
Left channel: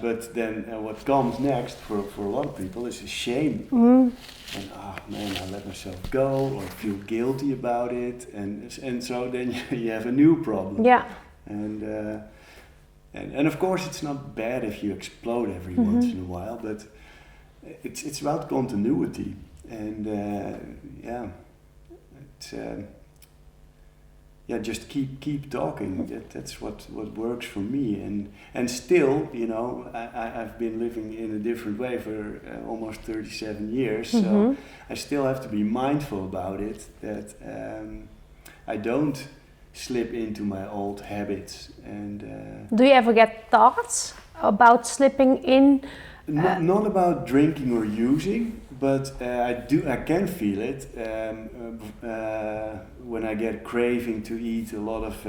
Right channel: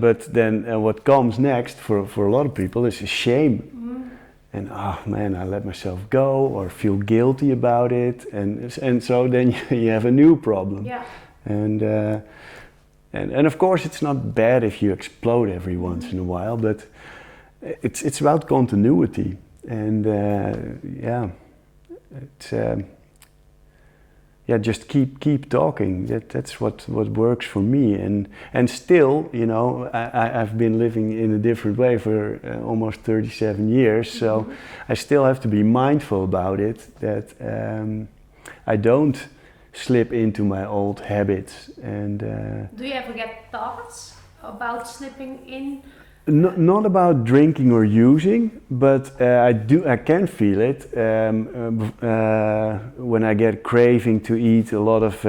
but then what comes next for a lot of people is shame. And oh man, I let myself go, or feel guilty about it, and so then you have a new problem. Yeah. And of course it's not bad if you explode every once in a while, but it's about continuity, and just keep talking. That's what works for me, and still, you know, I've been living in a different way for almost 37 years, so I still have to be mindful about it, that I don't slip into my old habits. And do you ever get thoughts about slipping in? Not about drinking or using, but I can feel it when I get craving to eat a lot of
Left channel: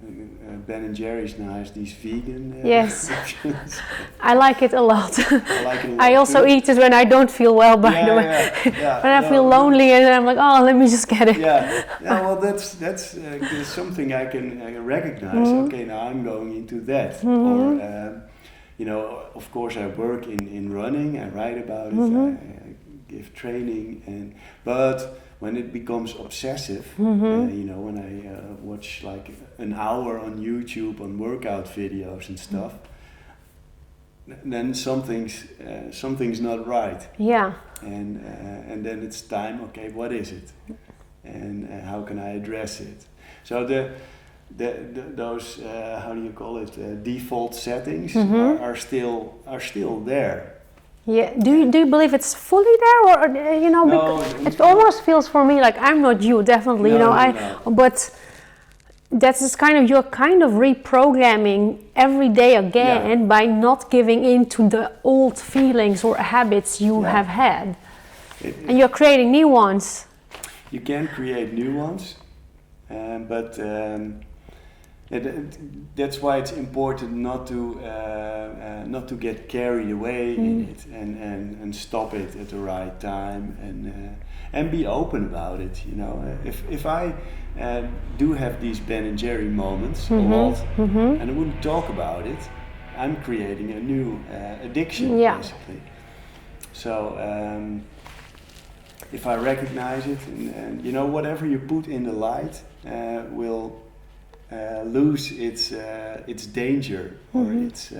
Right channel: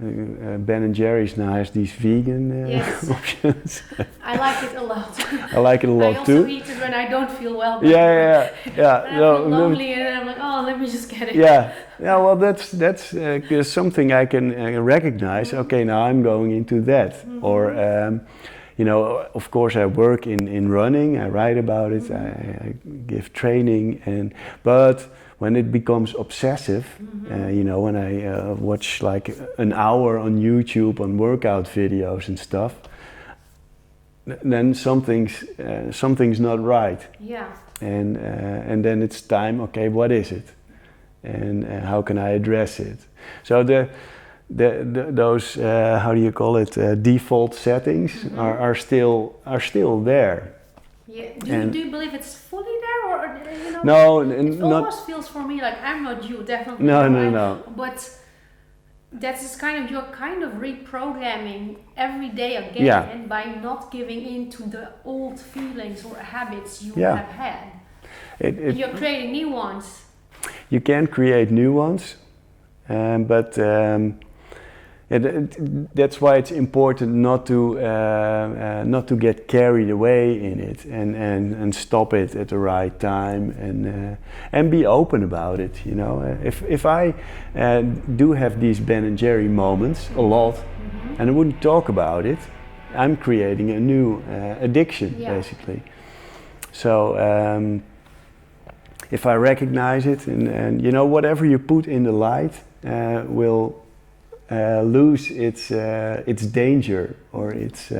Ben & Jerry's now has these vegan options. I like it a lot. I like it a lot I also too. eat it when I don't feel well, by the way. When I feel lonely and I'm like, oh, let me just get it. Well, that's something I can recognize. Okay, now I'm going into that. Or you know, of course, I work in running. I write about it. I give training, but when it becomes obsessive, you know, when I watch like an hour on YouTube on workout videos and stuff, then something's not right. Yeah. And then it's time. Okay, what is it, and how can I address it? So those how do you call it, default settings are still there. Yeah. Do you believe it's fully there, or you know? No, it almost feels for me like I'm not you, definitely. No. But that is you're kind of reprogramming every day again by not giving in to the old feelings or habits you have had, and you're creating new ones. You can create new ones. That's why it's important not to get carried away in it, and stop it at the right time, and be open about it. You know, if I do have these Ben and Jerry moments a lot, and I wouldn't talk about it, I'm creating a new addiction, basically. So if I recognize it, and you know, whatever you put in the light will lose its danger, or its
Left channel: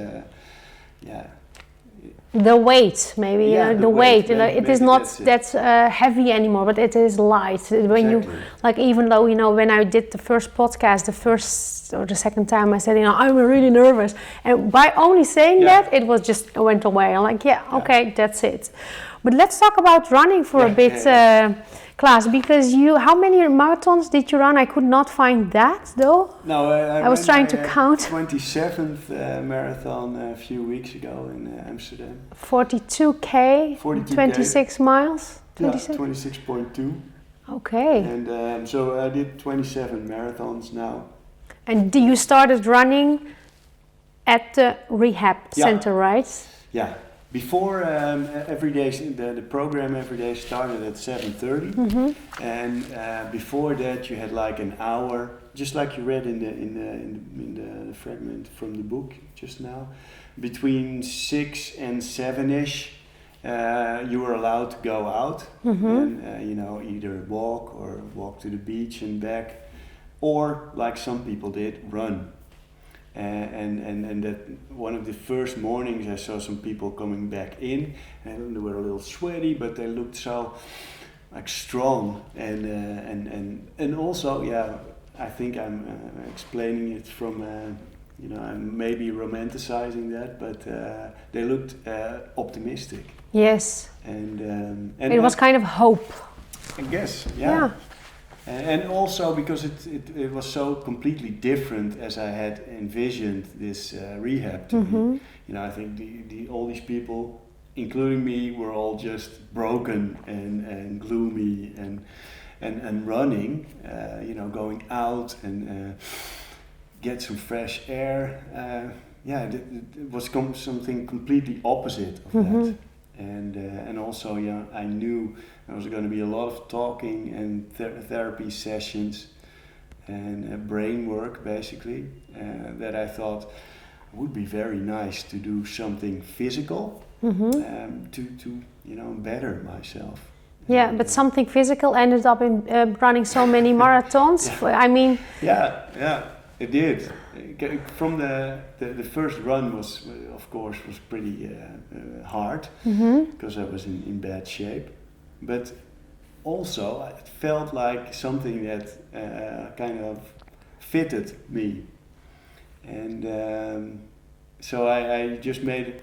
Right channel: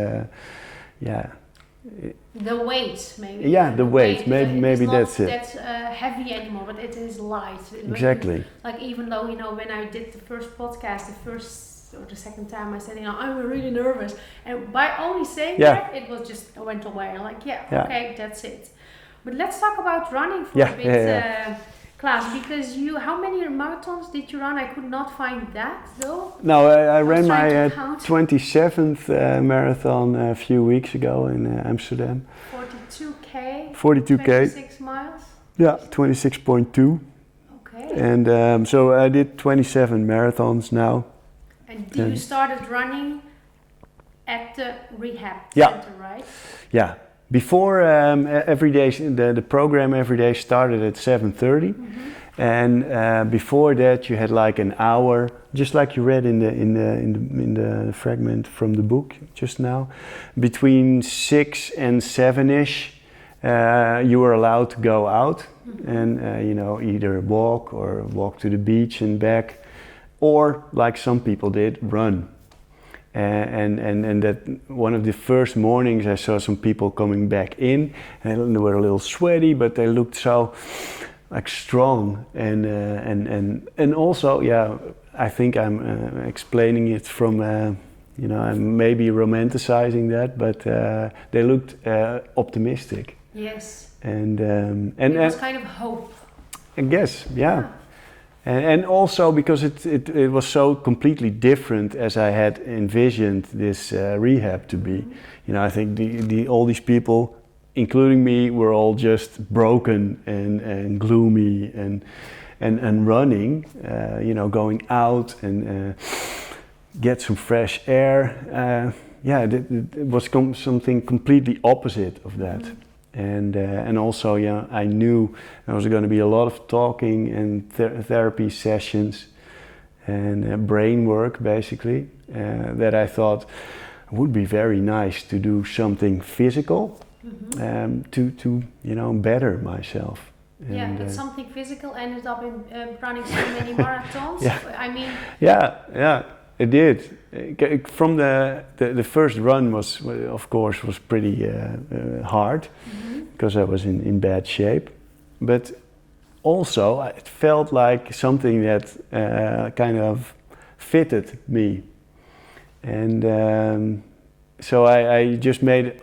the weight, maybe. The weight. It is not that heavy anymore, but it is light. When you, like, even though, you know, when I did the first podcast, the first or the second time, I said, you know, I'm really nervous, and by only saying that, it was just went away. I'm like, okay, that's it. But let's talk about running for a bit. Klaas, because how many marathons did you run? I could not find that though. No, I was ran trying my to count. 27th marathon a few weeks ago in Amsterdam. 42k. 26 miles. 26.2. Okay. And so I did 27 marathons now. And you started running at the rehab center, right? Yeah. Before every day, the program every day started at 7:30, and before that you had like an hour, just like you read in the fragment from the book just now. Between 6 and 7ish, you were allowed to go out and you know, either walk to the beach and back, or like some people did, run. And that one of the first mornings I saw some people coming back in, and they were a little sweaty, but they looked so like strong, and also I think I'm explaining it from you know, I'm maybe romanticizing that, but they looked optimistic. Yes. And it was kind of hope, I guess. Yeah. And also because it was so completely different as I had envisioned this rehab to be. You know, I think all these people, including me, were all just broken and gloomy and running. You know, going out and get some fresh air. It was something completely opposite of that. And also, I knew there was going to be a lot of talking and therapy sessions and brain work, basically, that I thought would be very nice to do something physical to you know, better myself. Yeah, but something physical ended up in running so many marathons. I mean, it did. From the first run was, of course, pretty hard because I was in bad shape, but also it felt like something that kind of fitted me, and so I just made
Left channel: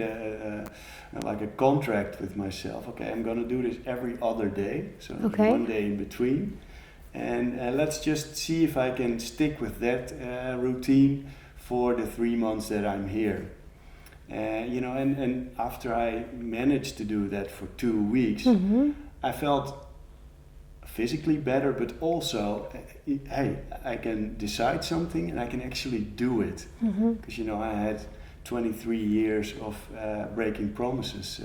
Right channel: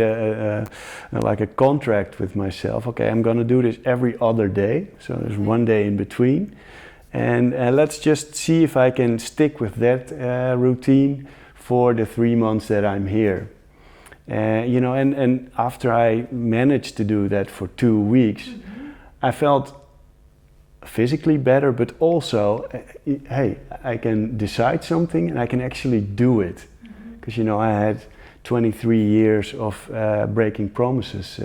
a like a contract with myself. Okay, I'm gonna do this every other day, so there's one day in between. And let's just see if I can stick with that routine for the 3 months that I'm here. You know, and after I managed to do that for 2 weeks, I felt physically better, but also, hey, I can decide something and I can actually do it. Because, you know, I had 23 years of breaking promises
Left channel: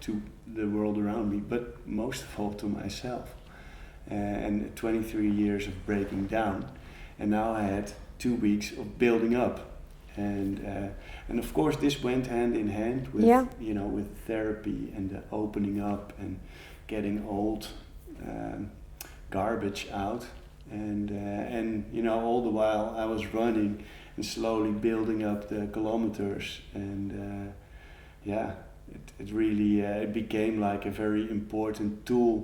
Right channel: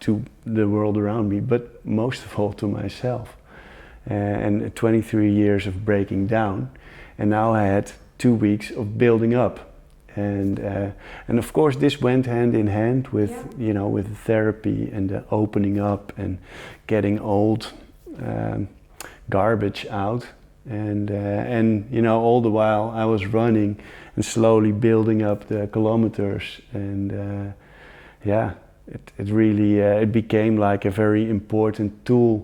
to the world around me, but most of all to myself. And 23 years of breaking down, and now I had 2 weeks of building up, and of course this went hand in hand with you know, with therapy and the opening up and getting old garbage out, and you know, all the while I was running and slowly building up the kilometers, and it really it became like a very important tool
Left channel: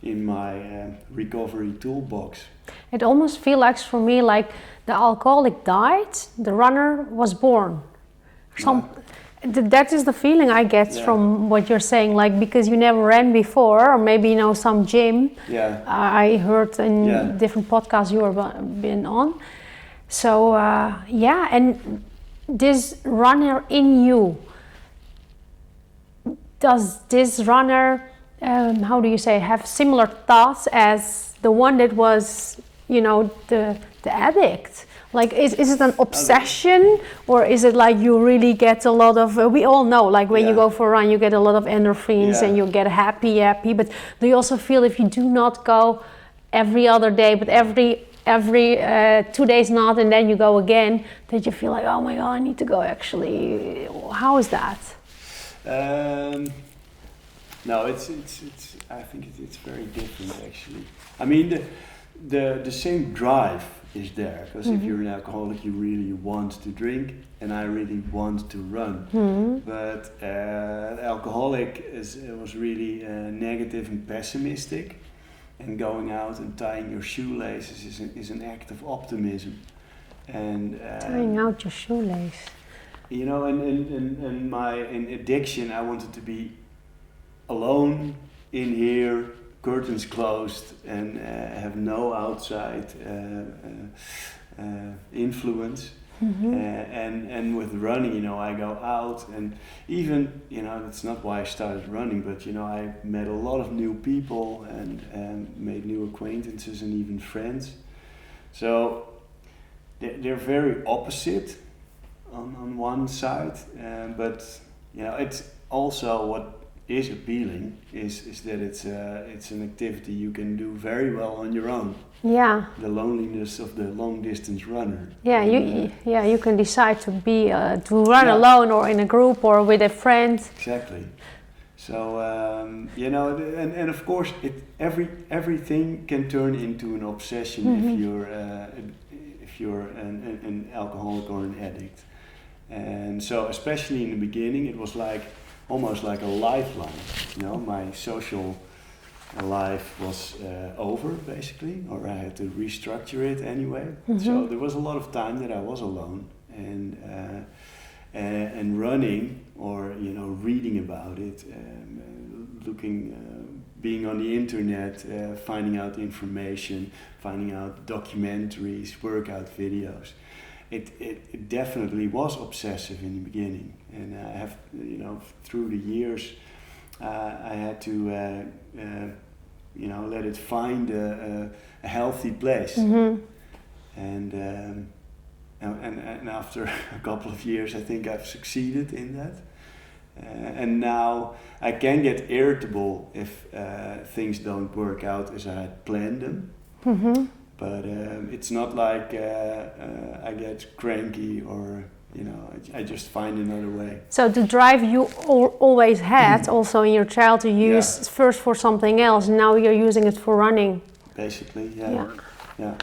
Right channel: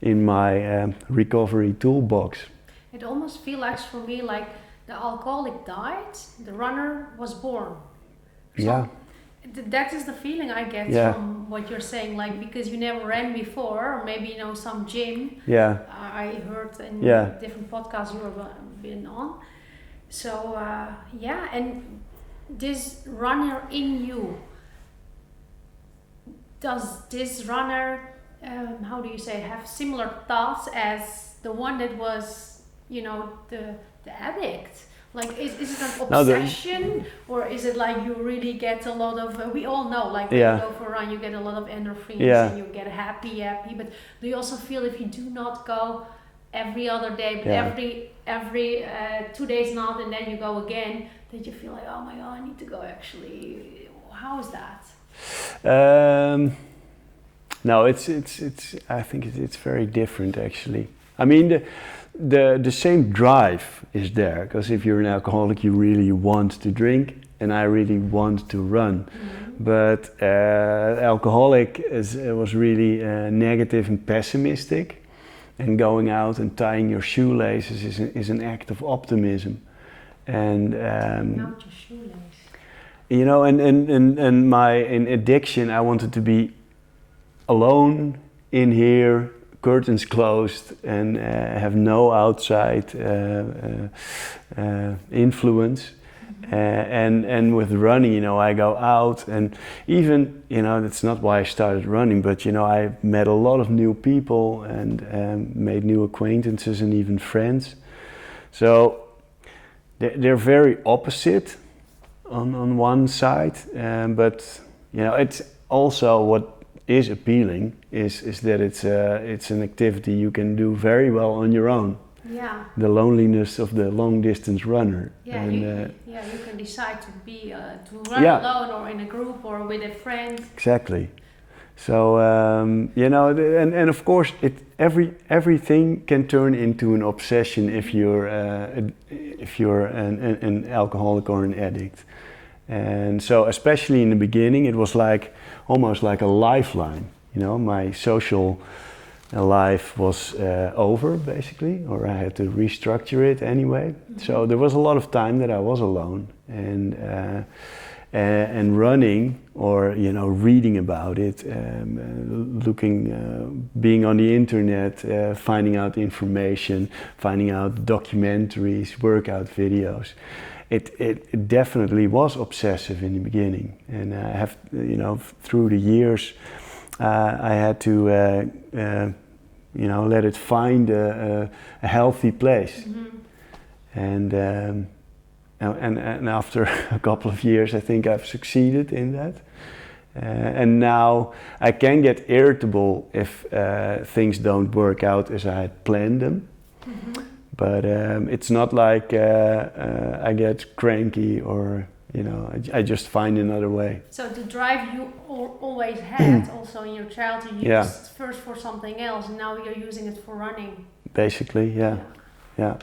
in my recovery toolbox. It almost feels like, for me, like the alcoholic died, the runner was born. That is the feeling I get from what you're saying, like, because you never ran before, or maybe, you know, some gym. I heard in different podcasts you have been on. So and this runner in you, does this runner how do you say, have similar thoughts as the one that was, you know, the addict? Like, is it an obsession, or is it like you really get a lot of, we all know, like when you go for a run, you get a lot of endorphins and you get happy, but do you also feel if you do not go every other day, but every 2 days not, and then you go again, that you feel like, oh my God, I need to go actually? How is that? No, it's I think it's very different actually. I mean, the same drive is there, because if you're an alcoholic, you really want to drink, and I really want to run. But alcoholic was really negative and pessimistic, and going out and tying your shoelaces is an act of optimism. And tying out your shoelace. You know, and in addiction, I wanted to be alone in here, curtains closed, and have no outside influence. And with running, you know, I go out, and even, you know, that's not why I started running, but you know, I met a lot of new people and made new acquaintances and even friends. So they're very opposite on one side, but you know, it's also what is appealing is that it's an activity you can do very well on your own. Yeah. The loneliness of the long distance runner. Yeah, you can decide to be to run alone or in a group or with a friend. Exactly. So you know, and of course, everything can turn into an obsession if you're an alcoholic or an addict. And so, especially in the beginning, it was like almost like a lifeline. You know, my social life was over basically, or I had to restructure it anyway. So there was a lot of time that I was alone, and running, or you know, reading about it, being on the internet, finding out information, finding out documentaries, workout videos. It definitely was obsessive in the beginning, and I have, you know, through the years, I had to, you know, let it find a healthy place, and after a couple of years, I think I've succeeded in that, and now I can get irritable if things don't work out as I had planned them. But it's not like I get cranky, or you know, I just find another way. So the drive you always had, also in your childhood, you used first for something else, and now you're using it for running. Basically, yeah.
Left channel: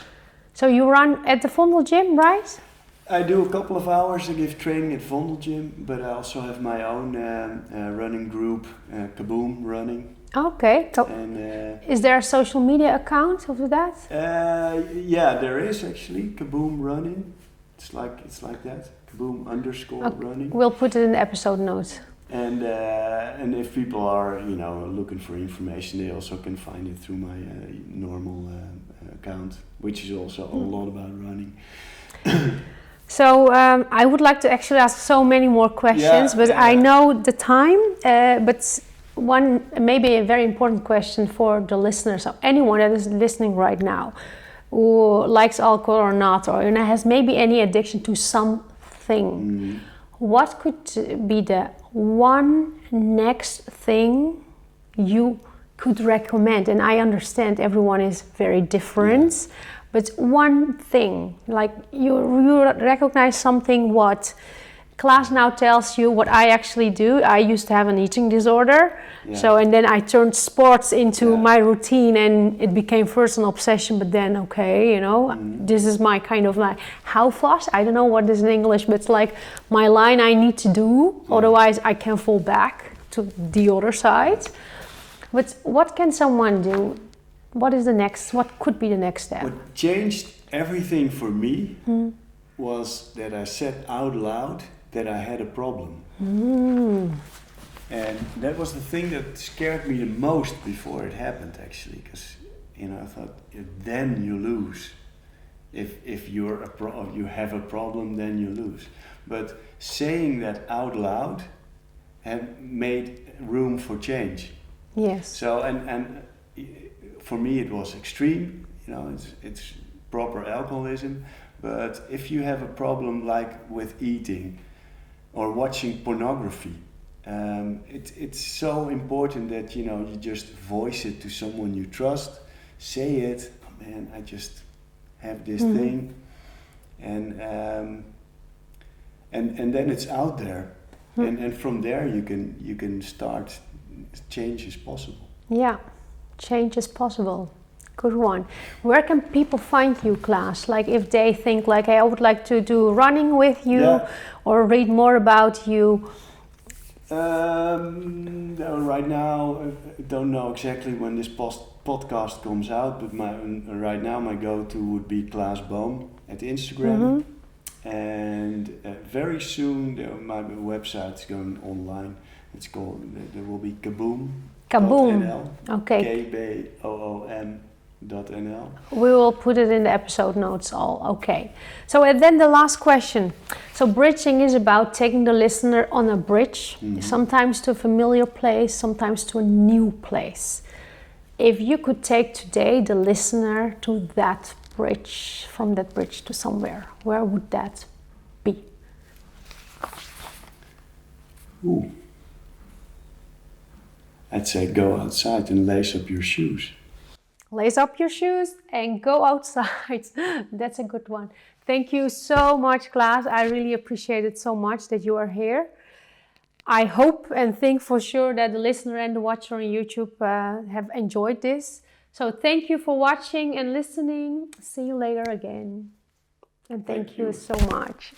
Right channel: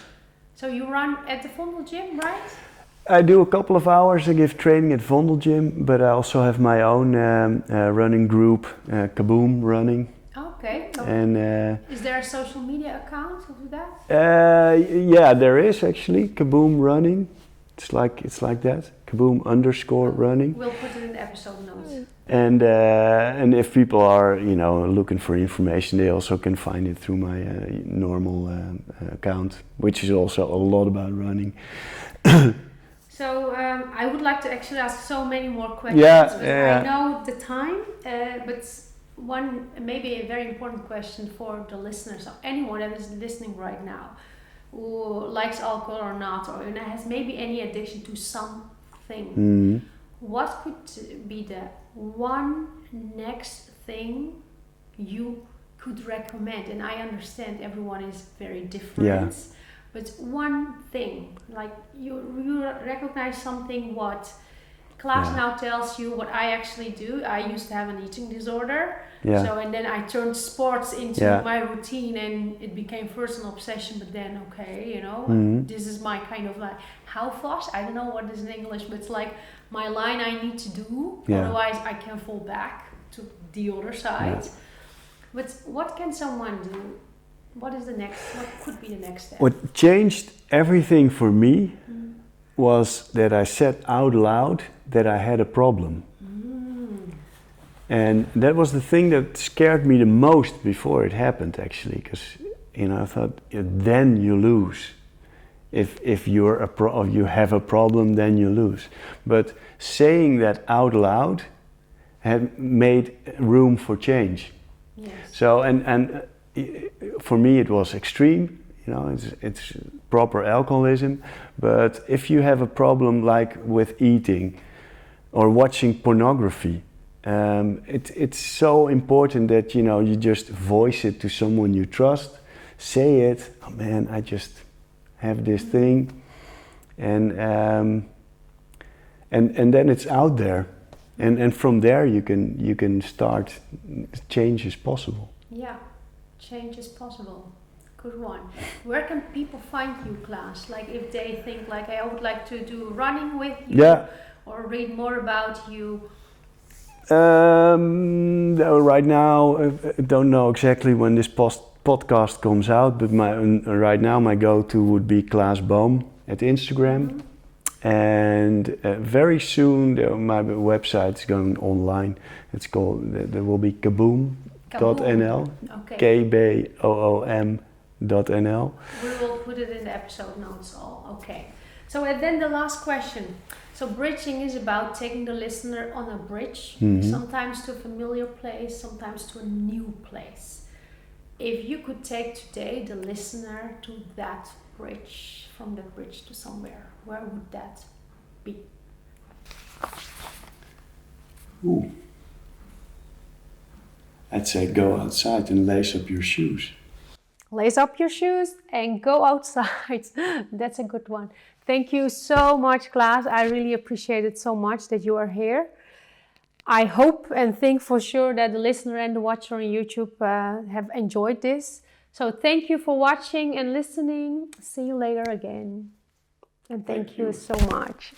So you run at the Vondel gym, right? I do a couple of hours. I give training at Vondel gym, but I also have my own running group, Kaboom Running. Okay. And is there a social media account of that? Yeah, there is actually Kaboom Running. It's like that. Kaboom_running. We'll put it in the episode notes. And if people are, you know, looking for information, they also can find it through my normal account, which is also a lot about running. So I would like to actually ask so many more questions, but I know the time. But one maybe a very important question for the listeners, so anyone that is listening right now, who likes alcohol or not, or has maybe any addiction to something, what could be the one next thing you could recommend? And I understand everyone is very different, but one thing, like you recognize something what Klaas now tells you what I actually do. I used to have an eating disorder, so and then I turned sports into my routine, and it became first an obsession, but then you know, this is my kind of like houvast. I don't know what is in English, but it's like my line I need to do, otherwise I can fall back to the other side. But what can someone do? What could be the next step? What changed everything for me was that I said out loud that I had a problem. And that was the thing that scared me the most before it happened, actually, because you know, I thought, then you lose. If you have a problem, then you lose. But saying that out loud had made room for change. Yes. So and for me it was extreme, you know, it's proper alcoholism. But if you have a problem like with eating or watching pornography, it's so important that, you know, you just voice it to someone you trust, say it, oh man, I just have this thing, and then it's out there, and from there you can start. Change is possible. Yeah, change is possible. Good one. Where can people find you, Klaas? Like if they think like, hey, I would like to do running with you or read more about you. Right now, I don't know exactly when this podcast comes out, but right now my go-to would be Klaas Boom at Instagram. And very soon my website is going online. It's called, there will be kaboom.nl. Okay. KBOOM.nl. We will put it in the episode notes all. Okay. So and then the last question. So bridging is about taking the listener on a bridge, sometimes to a familiar place, sometimes to a new place. If you could take today the listener to that bridge, from that bridge to somewhere, where would that be? Ooh. I'd say go outside and lace up your shoes. Lace up your shoes and go outside. That's a good one. Thank you so much, Klaas. I really appreciate it so much that you are here. I hope and think for sure that the listener and the watcher on YouTube have enjoyed this. So thank you for watching and listening. See you later again. And thank you so much.